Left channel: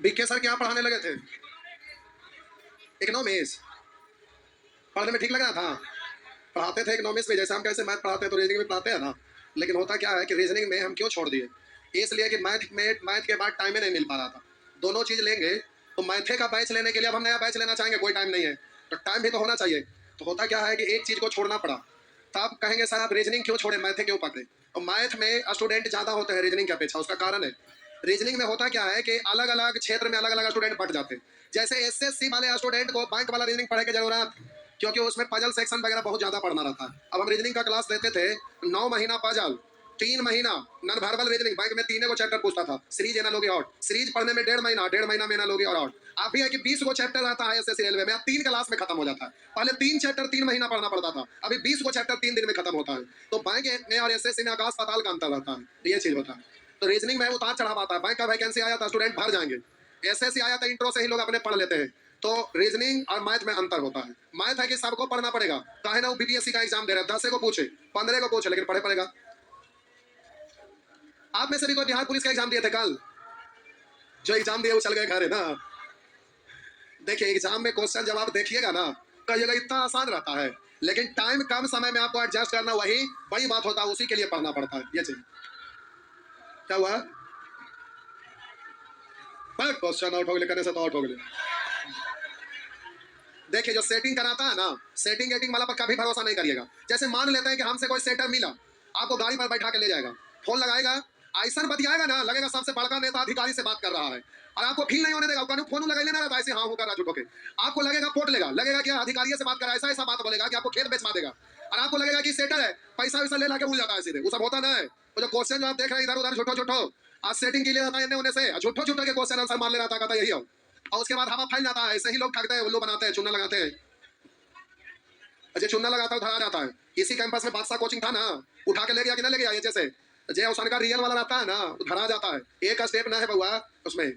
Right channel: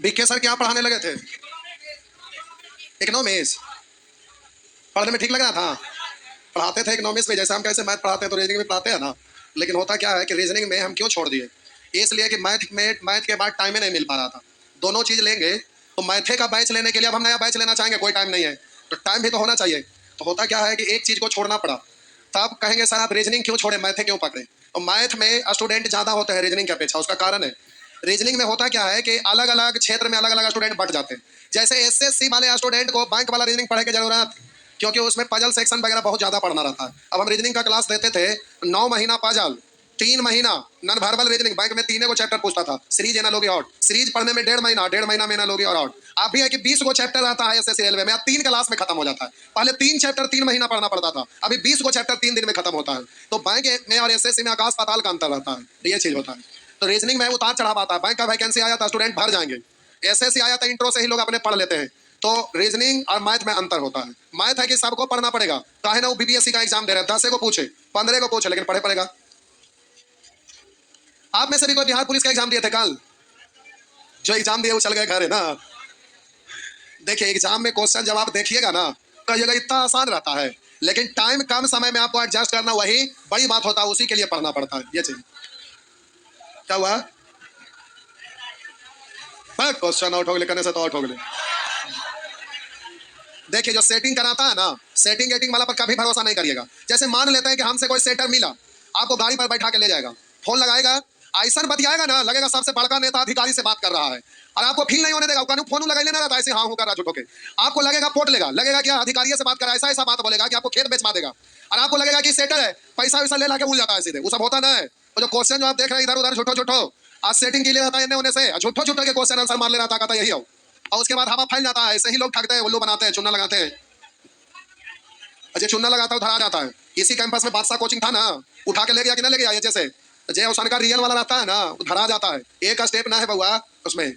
BK sir क्या पढ़ाने लगे थे? इकोनॉमिक्स पढ़ने में ठीक लग रहा था? पढ़ाते थे इकोनॉमिक्स में, जैसे हम कैसे मैथ पढ़ाते हैं तो रीजनिंग में पढ़ाते हैं ना। लेकिन होता क्या है कि रीजनिंग में हम क्यों छोड़ दिए? इसलिए कि मैथ के बाद टाइम ही नहीं मिल पा रहा था। दोनों चीज लेंगे तो मैथे का बैच लेने के लिए अब हम नया बैच लेना चाहेंगे, कोई टाइम नहीं है, तो टाइम भी तो होना चाहिए। तो होता क्या है कि एक चीज को छोड़ना पड़ा। तब कहेंगे सर आप रीजनिंग क्यों छोड़े, मैथे क्यों पकड़े? और मैथ में स्टूडेंट ज्यादा होते हैं रीजनिंग की अपेक्षा। उसका कारण है, रीजनिंग में होता क्या है कि अलग अलग क्षेत्र में अलग अलग स्टूडेंट बट जाते हैं। जैसे एसएससी वाले स्टूडेंट को बैंक वाला रीजनिंग पढ़ने की जरूरत, क्योंकि उसमें पजल सेक्शन वगैरह बहुत ज्यादा पढ़ना रहता है। अब हम रीजनिंग का क्लास देते थे, 9 महीना पजल, 3 महीना नॉन वर्बल रीजनिंग। बैंक में 3 चैप्टर पूछता था, सीरीज एनालॉजी और सीरीज पढ़ने में 1.5 महीना, 1.5 महीना में एनालॉजी और आउट। आप भी है कि 20 चैप्टर आता है एसएससी रेलवे में, अब 3 क्लास में खत्म हो जाता है। पहले 3 चैप्टर 3 महीना पढ़ना पड़ता था, अभी 20 चैप्टर 3 दिन में खत्म होता है। तो बैंक में और एसएससी में आकाश पाताल का अंतर रहता है, ये चीज होता है। तो रीजनिंग में उतार चढ़ाव आता है। बैंक का वैकेंसी आया था, स्टूडेंट भर जाएंगे। एसएससी आया था, इंट्रो से ही लोग अपने पढ़ लेते हैं। तो रीजनिंग और मैथ में अंतर होता है। मैथ है कि सबको पढ़ना पड़ेगा, चाहे ना वो बीपीएससी का एग्जाम दे रहे हैं, 10 को पूछे 15 को पूछे, लेकिन पढ़े पड़ेगा। आप में से भी कोई बिहार पुलिस का एग्जाम दिए थे कल? जो एग्जाम दिए वो चल गए घर है ना। देखिए एग्जाम में क्वेश्चन जवाब देखिएगा ना, कहिएगा इतना आसान रहता है, लेकिन टाइम कम समय में आपको एडजस्ट करना वही बड़ी बात होता है, उसी के लिए पढ़ना पड़ता है। ये चीज क्या हुआ? क्वेश्चन आउट हो गए करने से तो आउट हो गए। देखिए जो सेटिंग कराता है ना, सेटिंग एटिंग वाला पर कभी भरोसा नहीं करिएगा। जैसे मान लेते हैं कि हमसे कोई सेटर मिला, आपको गाड़ी पर बैठा के ले जाएगा, फोन लगाएगा, ऐसा बतियाएगा ना, लगेगा सबसे बड़का नेता अधिकारी से बात कर रहा है, और आपको फील नहीं होने देगा। फोन लगा लेना रहता है, ऐसे हाँ हूँ कर रहा झूठो के। आपको लगेगा पोट लेगा, लगेगा कि अधिकारी से बात कर रहा है, ऐसा ऐसा बात बोलेगा कि आपको खेत बेचवा देगा, और आपको लगेगा कि सेटर है, पैसा वैसा ले ला के भूल जाता है सीधे। वो सब होता ना है। वो जो क्वेश्चन जो आप देख रहे हैं इधर उधर झूठो झूठो, आज सेटिंग के लिए रहता है इन्हें होने से, झूठो झूठो के क्वेश्चन आंसर मार ले रहा था, यही हो। और उसके बाद हवा फैल जाता है। ऐसे ही लोग ठगते हैं, उल्लू बनाते हैं, चुना लगाते हैं। अजय चुना लगाता है, धरा जाता है। इसी कैंपस में बादशाह कोचिंग था ना, उठा के ले गया कि ना ले गया? ये जैसे जय हुसैन का रियल वाला रहता है ना, वो धरा जाता है। एक स्टेप ना है बउआ उसमें।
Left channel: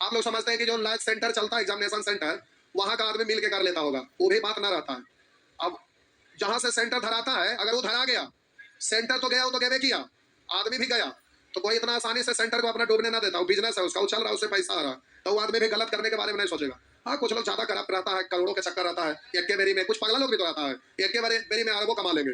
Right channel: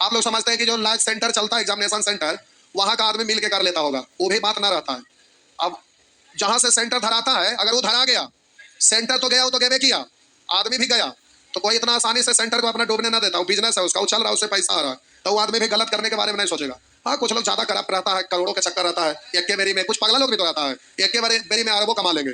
आप लोग समझते हैं कि जो लाइव सेंटर चलता है, एग्जामिनेशन सेंटर, वहां का आदमी मिल के कर लेता होगा, वो भी बात ना रहता है। अब जहां से सेंटर धराता है, अगर वो धरा गया, सेंटर तो गया, वो तो गेवे किया, आदमी भी गया, तो कोई इतना आसानी से सेंटर को अपना डूबने ना देता। वो बिजनेस है उसका, वो चल रहा है, उससे पैसा आ रहा है, तो वो आदमी भी गलत करने के बारे में नहीं सोचेगा। हाँ कुछ लोग ज्यादा करप्ट रहता है, करोड़ों का चक्कर रहता है, एक के बेरी में कुछ पगला लोग भी तो रहता है, एक के बेरी में अरबों कमा लेंगे,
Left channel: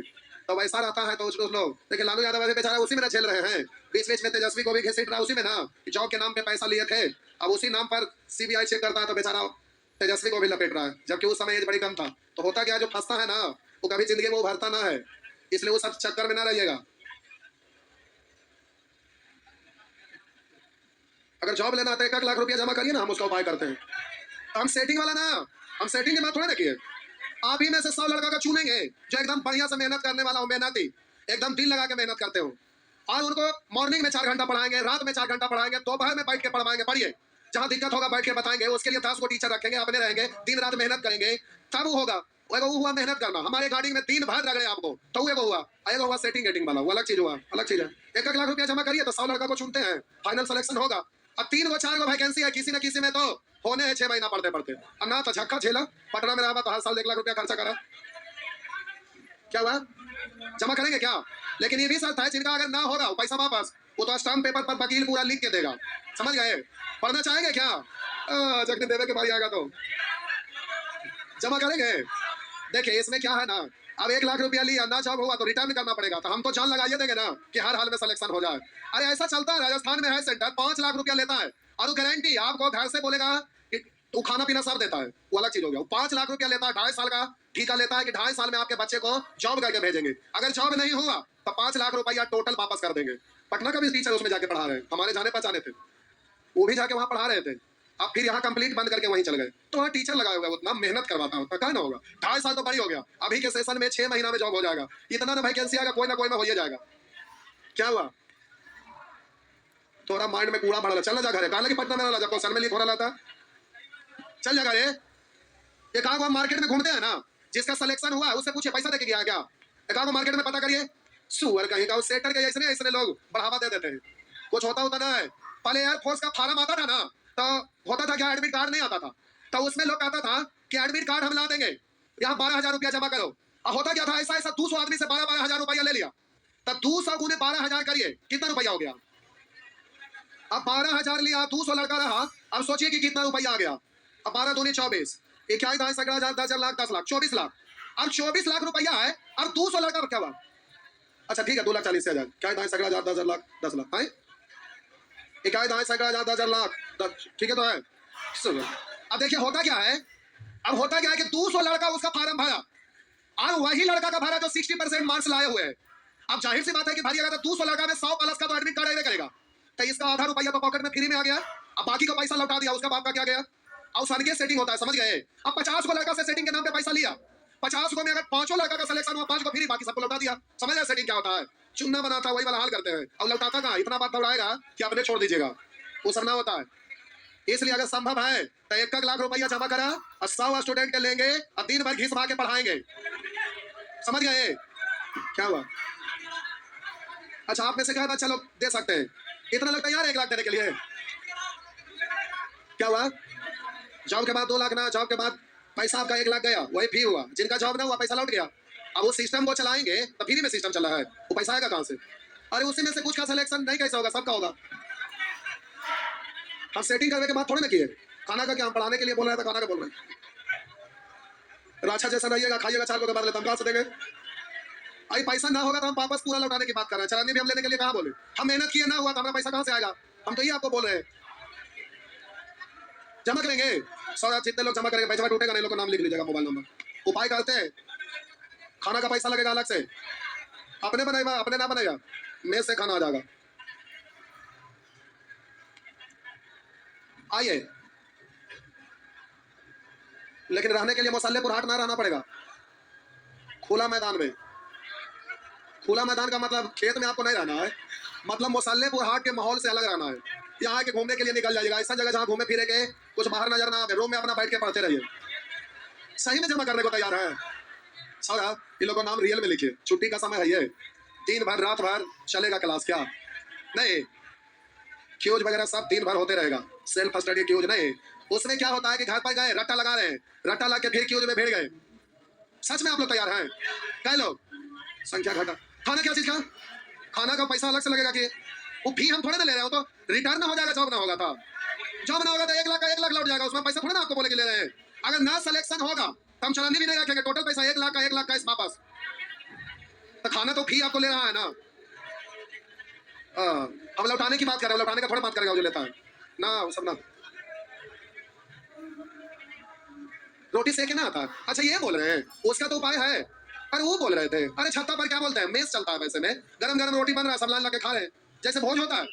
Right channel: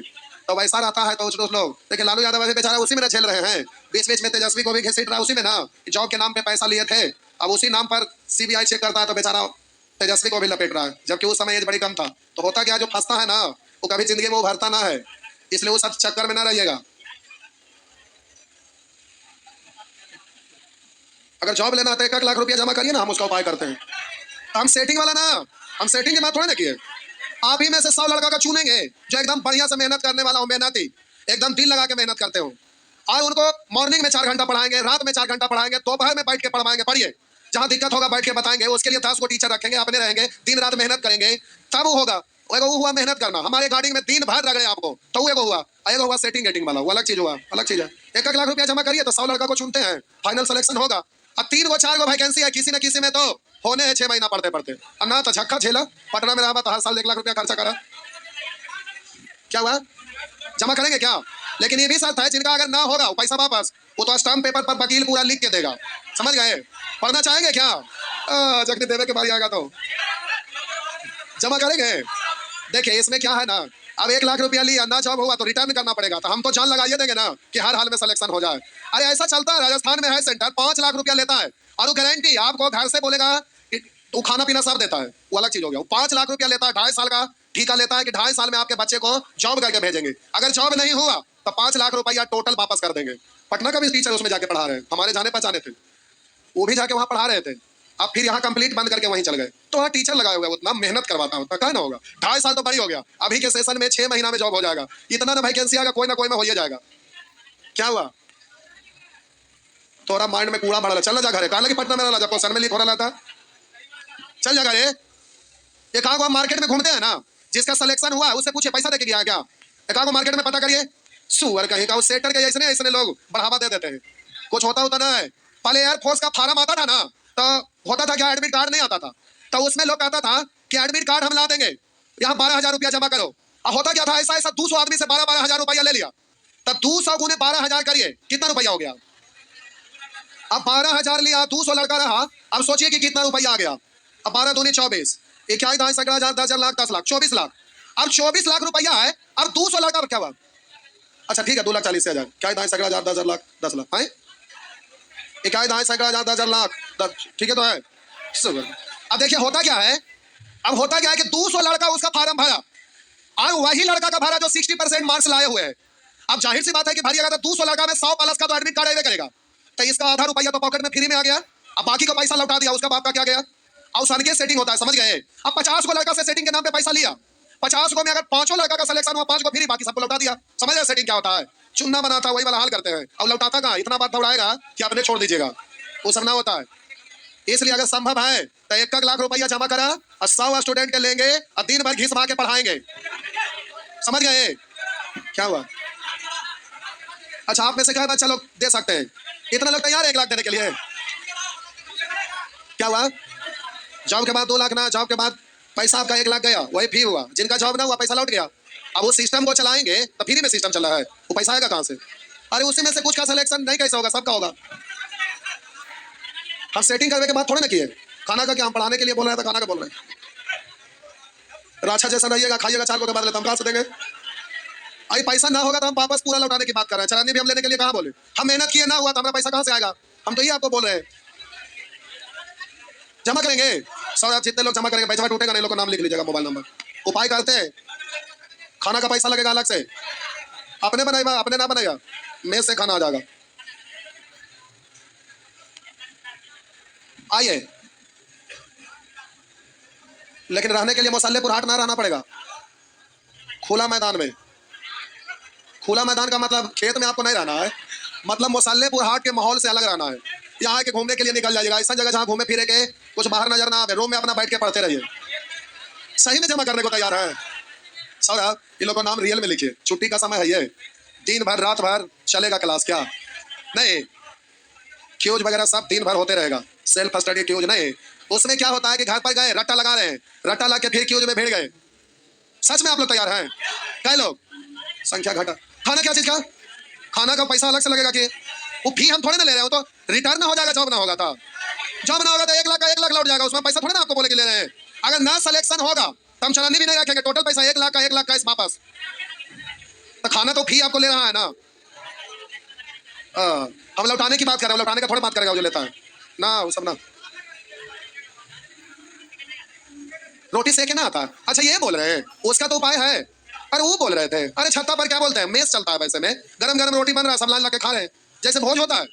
तो वैसा रहता है। तो उस लोग देखिए, लालू यादव अभी बेचारा उसी में ना झेल रहे हैं। बीच बीच में तेजस्वी को भी घसीट रहा है उसी में ना, जॉब के नाम पे पैसा लिए थे, अब उसी नाम पर सीबीआई चेक करता है, तो बेचारा तेजस्वी को भी लपेट रहा है, जबकि उस समय एज बड़ी कम था। तो होता क्या, जो फंसता है ना, वो कभी जिंदगी में उभरता ना है, इसलिए वो सब चक्कर में ना रहिएगा। अगर जॉब लेना है तो 1 लाख रुपया जमा करिए ना, हम उसका उपाय करते हैं। हम सेटिंग वाला ना, हम सेटिंग की बात थोड़ा ना किए। आप ही में से 100 लड़का का चुनेंगे जो एकदम बढ़िया से मेहनत करने वाला हो, मेहनती, एकदम दिल लगा के मेहनत करते हो, और उनको मॉर्निंग में 4 घंटा पढ़ाएंगे, रात में 4 घंटा पढ़ाएंगे, दोपहर में बैठ के पढ़वाएंगे, पढ़िए, जहां दिक्कत होगा बैठ के बताएंगे, उसके लिए 10 को टीचर रखेंगे, अपने रहेंगे, दिन रात मेहनत करेंगे, तब वो होगा। वो हुआ मेहनत करना, हमारे गाड़ी में दिन भर रगड़े आपको, तो वो हुआ। एगो हुआ सेटिंग गेटिंग वाला, वो अलग चीज हुआ, अलग चीज है। 1 लाख रुपया जमा करिए तो 100 लड़का को चुनते हैं, फाइनल सिलेक्शन होगा। अब 3 4 वैकेंसी है, किसी न किसी में तो होने हैं 6 महीना पढ़ते पढ़ते। अब ना तो झक्का झेला, पटना में रहा तो हर साल 1 लाख रुपया खर्चा करा, क्या हुआ? जमा करेंगे क्या? लेकिन ये भी शर्त है, जिनका अगर ना होगा वो पैसा वापस, वो तो स्टाम्प पेपर पर वकील पूरा लिख के देगा, समझ गए? पढ़ना चाहेंगे क्या? जगदीप देवे के बारी आएगा तो जमा करेंगे। देखिए इसमें क्या है ना, अब 1 लाख रुपया लिया, ना जॉब हुआ तो रिटर्न करना पड़ेगा, तो हम तो जान लगाइए देंगे ना कि हर हाल में सिलेक्शन हो जाए। अरे ऐसा चलता है, राजस्थान में है सेंटर, 5 लाख रुपया लेता है, और वो गारंटी आपको घर से बोलेगा कि वो खाना पीना सब देता है, वो अलग चीज हो गया। 5 लाख रुपया लेता है, 2.5 साल का ठीका लेता है कि 2.5 साल में आपके बच्चे को जॉब करके भेजेंगे। अगर जॉब नहीं हुआ तो 5 लाख रुपया टोटल वापस कर देंगे। पटना का भी टीचर उसमें जाके पढ़ा रहे हैं, हमारे जाने पहचाने थे, वो भी जाके वहां पढ़ा रहे थे। अब फिर यहाँ कंप्लीट बंद करके वहीं चल गए, तो वहाँ टीचर लगाया होगा, उतना मेहनत करवाता होता, क्या ना होगा। 2.5 साल तो बड़ी हो गया, अभी के सेशन में 6 महीना में जॉब हो जाएगा, इतना ना वैकेंसी आएगा, कोई ना कोई में हो ही जाएगा। क्या हुआ? थोड़ा माइंड में कूड़ा भरा, चल जा घर, कहा कि पटना में रहा, क्वेश्चन में लिख हो रहा था, चल जा घर। ये कहा को हम मार्केट में घूमते हैं ना, जिसका सिलेक्शन हुआ है उससे पूछे पैसा देके गया क्या? कहा को मार्केट में पता करिए, सुअर कहीं का, उस सेटर के ऐसे ऐसे लोग बढ़ावा दे देते हैं, कुछ होता होता ना है। पहले एयरफोर्स का फार्म आता था ना, तो होता था क्या, एडमिट कार्ड नहीं आता था, तो उसमें लोग कहता था कि एडमिट कार्ड हम ला देंगे, यहाँ 12,000 रुपया जमा करो। अब होता क्या था, ऐसा ऐसा 200 आदमी से 12,000 रुपया ले लिया, तब 200 गुने 12,000 करिए, कितना रुपया हो गया? अब 12,000 लिया, 200 लड़का रहा, अब सोचिए कि कितना रुपया आ गया। अब 12 दूनी 24, 21 दाएं 11,000 10,000 लाख 10 लाख 24 लाख। अब 24 लाख रुपया है। अब 200 लाख का क्या हुआ? अच्छा ठीक है, 2,40,000 क्या दाएं 11,000 10,000 लाख 10 लाख है। 21 दाएं 11,000 10,000 लाख 10, ठीक है तो है। अब देखिए होता क्या है, अब होता क्या है कि 200 लड़का उसका फार्म भरा और वही लड़का का भरा जो 60% मार्क्स लाए हुए हैं। अब जाहिर सी बात है कि भाई अगर 200 लड़का में 100 प्लस का तो एडमिट कार्ड आएगा करेगा, तो इसका आधा रुपया तो पॉकेट में फ्री में आ गया। अब बाकी का पैसा लौटा दिया, उसका बाप का क्या गया? और सन के सेटिंग होता है, समझ गए? अब 50 को लड़का से सेटिंग के नाम पे पैसा लिया, 50 को में अगर 5 लड़का का सिलेक्शन हुआ 5 को फ्री, बाकी सबको लौटा दिया। समझ रहे सेटिंग क्या होता है? चुनना बनाता वही वाला हाल करते हैं। और लौटाता कहाँ, इतना बात दौड़ाएगा कि आपने छोड़ दीजिएगा, वो सब ना होता है। इसलिए अगर संभव है तो 1 लाख रुपया जमा करा और 100 स्टूडेंट के लेंगे और दिन भर घिस के पढ़ाएंगे। समझ गए क्या हुआ? अच्छा आप में से क्या बच्चा लोग दे सकते हैं? इतना लोग तैयार है 1 लाख देने के लिए? क्या हुआ? जॉब के बाद 2 लाख ना, जॉब के बाद पैसा आपका 1 लाख गया, वही फी हुआ। जिनका जॉब ना हुआ पैसा लौट गया। अब वो सिस्टम को चलाएंगे तो फ्री में सिस्टम चल रहा है, वो पैसा आएगा कहां से? अरे उसी में से कुछ का सिलेक्शन नहीं कैसे होगा, सबका होगा। हम सेटिंग करने के बाद थोड़े ना किए। खाना का क्या, हम पढ़ाने के लिए बोल रहे हैं तो खाना का बोल रहे हैं। राछा जैसा रहिएगा, खाइएगा 4 को के बाद लेते हम कहां से देंगे? अरे पैसा ना होगा तो हम वापस पूरा लौटाने की बात कर रहे हैं। चलानी भी हम लेने के लिए कहां बोले? हम मेहनत किए ना हुआ तो हमारा पैसा कहां से आएगा? हम तो ये आपको बोल रहे हैं जमा करेंगे। सर आप जितने लोग जमा करेंगे पैसा टूटेगा नहीं, लोग का नाम लिख लीजिएगा, मोबाइल नंबर। उपाय करते हैं, खाना का पैसा लगेगा अलग से, अपने बनाएगा अपने ना बनेगा, मेज से खाना आ जाएगा। आइए, लेकिन रहने के लिए मसालेपुर हाट ना रहना पड़ेगा, खुला मैदान में। खुला मैदान का मतलब खेत में आपको नहीं रहना है, मतलब मसालेपुर हाट के माहौल से अलग रहना है। यहाँ के घूमने के लिए निकल जाइएगा, ऐसा जगह जहाँ घूमे फिरे के कुछ बाहर नजर ना आए, रूम में अपना बैठ के पढ़ते रहिए। सही में जमा करने को तैयार है? सर इन लोगों का नाम रियल में लिखिए, छुट्टी का समय है ये, दिन भर रात भर चलेगा क्लास, क्या नहीं? क्यूज वगैरह सब दिन भर होते रहेगा, सेल्फ स्टडी क्यूज नहीं। उसमें क्या होता है कि घर पर गए रट्टा लगा रहे हैं, रट्टा लगा के फिर क्यूज में भिड़ गए। सच में आप लोग तैयार हैं? कई लोग संख्या घटा। खाना क्या चीज का, खाना का पैसा अलग से लगेगा कि वो फी हम थोड़े ना ले रहे हो, तो रिटर्न ना हो जाएगा। जॉब ना होगा तो जॉब ना होगा तो 1 लाख का 1 लाख लौट जाएगा, उसमें पैसा थोड़े ना आपको बोले कि ले रहे हैं। अगर ना सिलेक्शन होगा तो हम चलानी भी नहीं रखेंगे, टोटल पैसा 1 लाख का 1 लाख का इस वापस। तो खाना तो फी आपको ले रहा है ना। हम लौटाने की बात कर रहे हैं, लौटाने का थोड़ा बात करेगा जो लेता है ना, वो सब ना। रोटी सेके ना आता। अच्छा ये बोल रहे हैं उसका तो उपाय है। अरे वो बोल रहे थे, अरे छत्ता पर क्या बोलते हैं, मेस चलता है वैसे में, गरम गरम रोटी बन रहा है, सब लाल ला के खा रहे हैं, जैसे भोज होता है।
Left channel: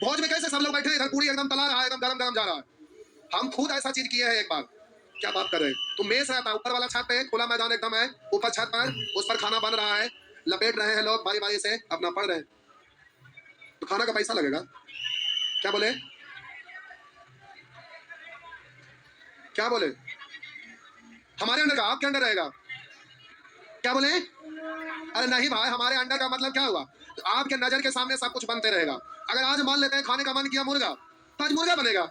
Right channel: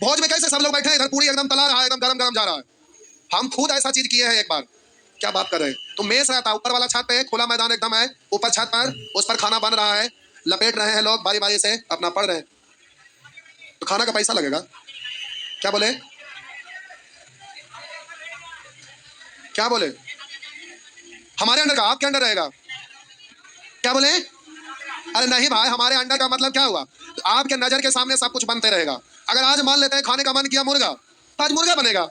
भोज में कैसे सब लोग बैठे हैं, इधर पूरी एकदम तला रहा है, एकदम गरम गरम जा रहा है। हम खुद ऐसा चीज किए हैं एक बार। क्या बात कर रहे हैं? तो मेस रहता है ऊपर वाला छत पे, खुला मैदान एकदम है, ऊपर छत पर, उस पर खाना बन रहा है, लपेट रहे हैं लोग बारी बारी से, अपना पढ़ रहे हैं। तो खाना का पैसा लगेगा। क्या बोले? क्या बोले? हमारे अंडर का आपके अंडर रहेगा? क्या बोले? अरे नहीं भाई, हमारे अंडर का मतलब क्या हुआ? तो आपके नजर के सामने सब कुछ बनते रहेगा। अगर आज मान लेते हैं खाने का मन किया मुर्गा, तो आज मुर्गा बनेगा।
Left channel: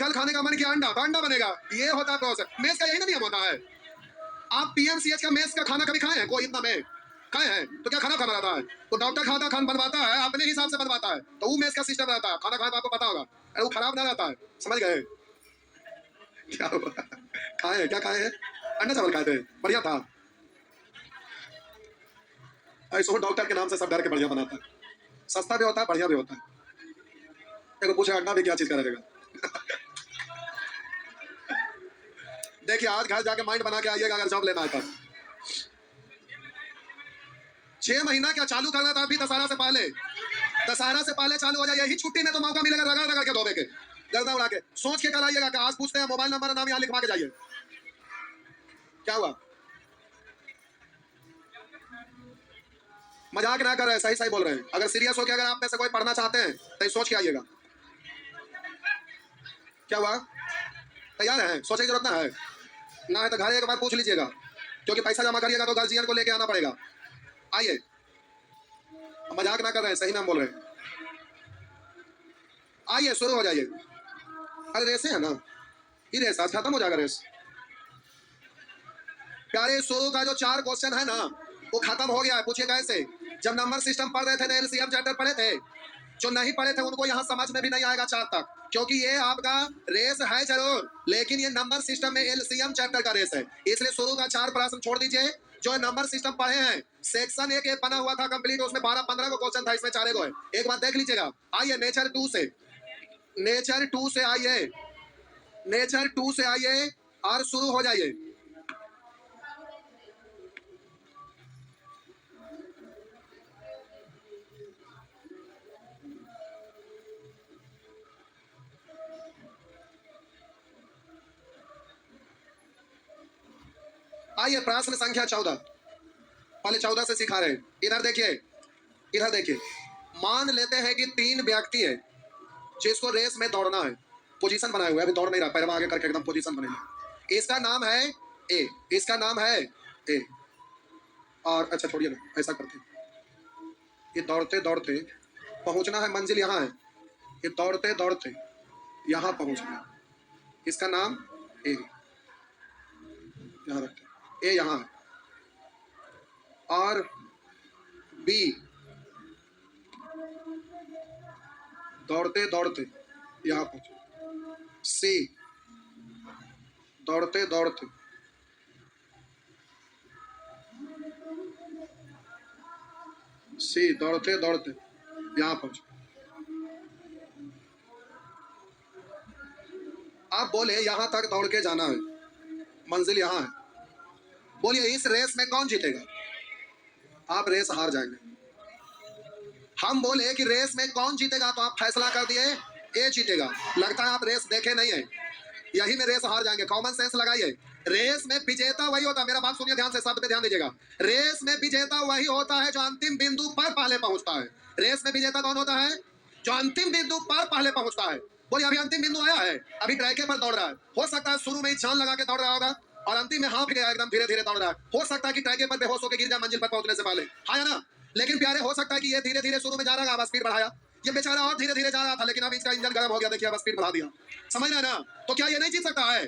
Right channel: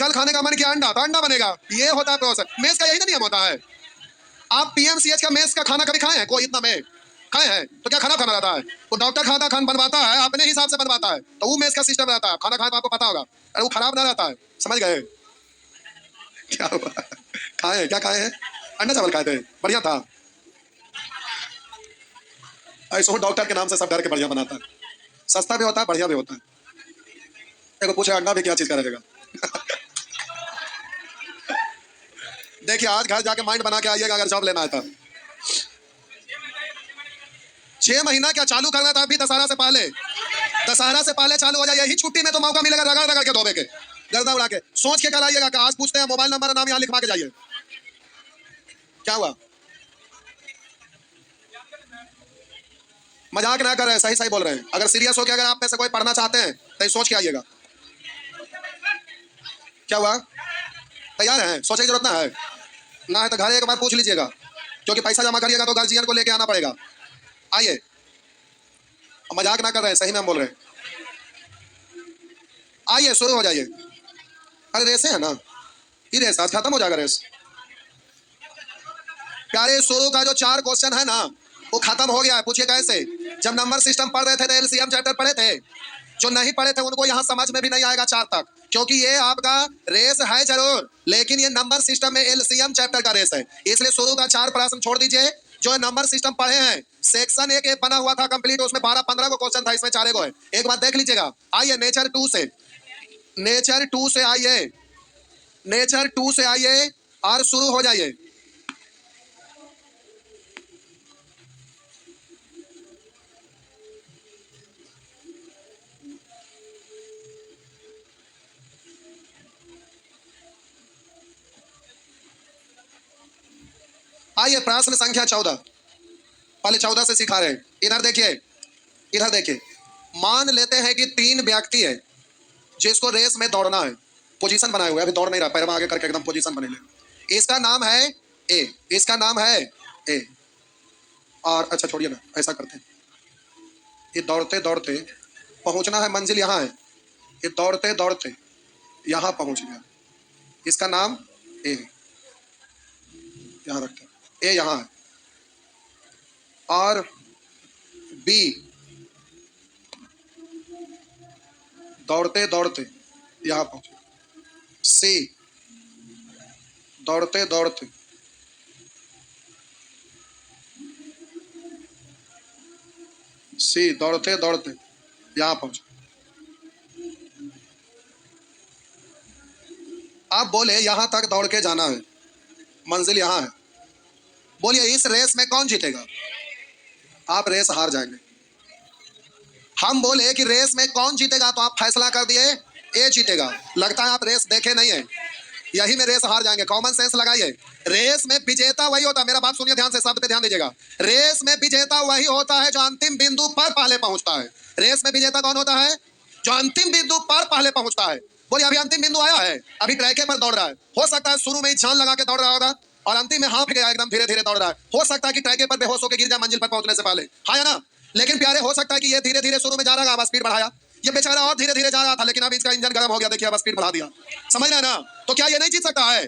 कल खाने का मन किया अंडा, तो अंडा बनेगा। ये होता है प्रोसेस। मेस का यही ना नियम होता है। आप पीएमसीएच का मेस का खाना कभी खाए हैं? कोई इतना में खाए हैं तो क्या खराब खाना रहता है? वो डॉक्टर खाता खान बनवाता है, अपने हिसाब से बनवाता है, तो वो मेस का सिस्टम रहता है। खाना खाए तो आपको पता होगा, अरे वो खराब ना रहता है। समझ गए क्या हुआ? खाए हैं, क्या खाए हैं? अंडा चावल खाए थे, बढ़िया था। ऐसे डॉक्टर के नाम से सब डर के बढ़िया बनाता है, सस्ता भी होता है बढ़िया भी होता है। देखो पूछे अंडा भी क्या चीज का रहेगा? देखिए आज घर जाके माइंड बना के आइएगा अगर जॉब लेना है तो। 6 महीना क्या चालू करना था अभी, दशहरा से पहले, दशहरा से पहले चालू हो जाए। यही छुट्टी में तो मौका मिलेगा रगड़ रगड़ के धोबे के, गर्दा उड़ा के। सोच के कल आइएगा, आज पूछते हैं मोबाइल नंबर नाम यहाँ लिखवा के जाइए। क्या हुआ? मजाक ना कर रहे हैं, सही सही बोल रहे हैं। अगर सीरियस हो के अगर आप में से कोई पढ़ना चाहते हैं तो सोच के आइएगा। क्या हुआ? तैयार है? सोचने की जरूरत ना है, ना है तो घर एक बार पूछ लीजिएगा, क्योंकि पैसा जमा करिएगा तो गार्जियन को लेके आना पड़ेगा। आइए, मजाक ना कर रहे हैं, सही में हम बोल रहे हैं। आइए शुरू हो जाइए। अरे रेस है ना, ये रेस आज खत्म हो जाएगा रेस। प्यारे शुरू का जो 4 क्वेश्चन है ना वो खत्म हो गया है। पूछिए कैसे? जब नंबर सिस्टम पढ़ रहे थे तो एलसीएम चैप्टर पढ़े थे, जो नहीं पढ़े थे उनको यहाँ समझ में भी नहीं आएगा 4 तक, क्योंकि ये आपका रेस है जरूर, लेकिन ये नंबर सिस्टम में एलसीएम चैप्टर का रेस है, इसलिए शुरू का 4 प्रश्न छोड़ दीजिए। जो नंबर सिस्टम पढ़े हैं, सेक्शन 1 बना हुआ था कंप्लीट, उसमें 12-15 को क्वेश्चन था, इसमें 4 को है। एक बार देख लीजिएगा। आइए नेचर 2 से, नेचर 2 से आइए, नेचर 2 से आइए और शुरू हो जाइए। आइए प्रश्न संख्या 14, पहले 14 से सिखा रहे हैं। इधर देखिए, इधर देखिए। मान लेते हैं कि 3 व्यक्ति है जिसको रेस में दौड़ना है, पोजीशन बनाए हुए, अभी दौड़ नहीं रहा, पैर आगे करके एकदम पोजीशन बनेगी। इसका नाम है ए, इसका नाम है ए। और अच्छा छोड़िए ना, ऐसा करते हैं, ये दौड़ते दौड़ते पहुंचना है, मंजिल यहाँ है, ये दौड़ते दौड़ते यहाँ पहुंच गया, इसका नाम ए, यहाँ रखते हैं, ए यहाँ है। और बी दौड़ते दौड़ते यहाँ पहुंचे, सी दौड़ते दौड़ते दौड़ते दौड़ते यहाँ पहुंचे। आप बोले यहां तक दौड़ के जाना है, मंजिल यहाँ है, बोलिए इस रेस में कौन जीतेगा? आप रेस हार जाएंगे। हम बोले कि रेस में कौन जीतेगा, तो आप फैसला कर दिए ए जीतेगा। लगता है आप रेस देखे नहीं है, यही में रेस हार जाएंगे। कॉमन सेंस लगाइए। रेस में विजेता वही होता है, मेरा बात सुनिए ध्यान से, शब्द पे ध्यान दीजिएगा। रेस में विजेता वही होता है जो अंतिम बिंदु पर पहले पहुंचता है। रेस में विजेता कौन होता है? जो अंतिम बिंदु पर पहले पहुंचता है। बोलिए अभी अंतिम बिंदु आया है, अभी ट्रैके पर दौड़ रहा है, हो सकता है शुरू में ही जान लगा के दौड़ रहा होगा और अंतिम में हाफ गया, एकदम धीरे धीरे दौड़ रहा है। हो सकता है कि ट्रैके पर बेहोश होकर गिर जाए मंजिल पर पहुंचने से पहले, हाँ या ना? लेकिन प्यारे हो सकता है कि ये धीरे धीरे शुरू में जा रहा है, स्पीड बढ़ाया, ये बेचारा और धीरे धीरे जा रहा था, लेकिन अब इसका इंजन गर्म हो गया, देखिए अब स्पीड बढ़ा दिया। समझ रहे हैं ना? तो क्या ये नहीं जीत सकता है?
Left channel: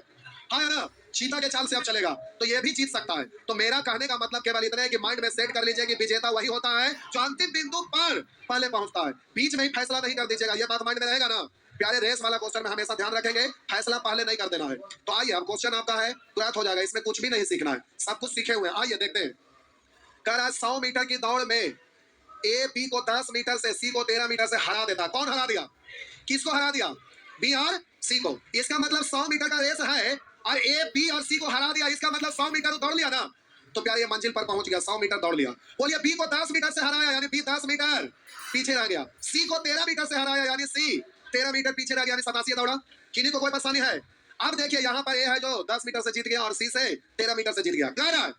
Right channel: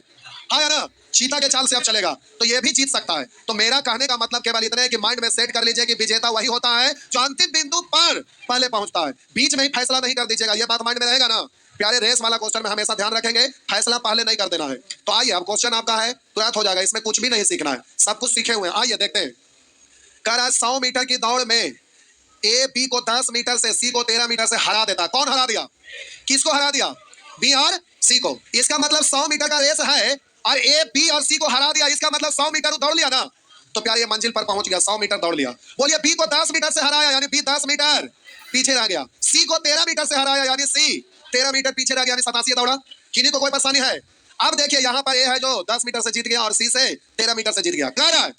हाँ या ना? चीता के चाल से अब चलेगा तो ये भी जीत सकता है। तो मेरा कहने का मतलब केवल इतना है कि माइंड में सेट कर लीजिए कि विजेता वही होता है जो अंतिम बिंदु पर पहले पहुंचता है। बीच में ही फैसला नहीं कर दीजिएगा, ये बात माइंड में रहेगा ना प्यारे। रेस वाला क्वेश्चन में हमेशा ध्यान रखेंगे, फैसला पहले नहीं कर देना है। तो आइए अब क्वेश्चन आपका है तुरंत हो जाएगा, इसमें कुछ भी नहीं सीखना है, सब कुछ सीखे हुए हैं। आइए देखते हैं। कर आज 100 मीटर की दौड़ में ए बी को 10 मीटर से, सी को 13 मीटर से हरा देता। कौन हरा दिया? किसको हरा दिया? बी और सी को। इसका मतलब 100 मीटर का रेस है और ए बी और सी को हरा दिया, इसका मतलब 100 मीटर दौड़ लिया ना, तो प्यारे ये मंजिल पर पहुंच गया, 100 मीटर दौड़ लिया। बोलिए बी को 10 मीटर से हराया यानी बी 10 मीटर पीछे रह गया, सी को 13 मीटर से हराया यानी सी 13 मीटर पीछे रह गया, यानी 87 दौड़ा। किन्हीं को कोई परेशानी है? अब देखिए यहाँ पर ए है जो 10 मीटर से जीत गया और सी से 13 मीटर से जीत गया। कह रहा है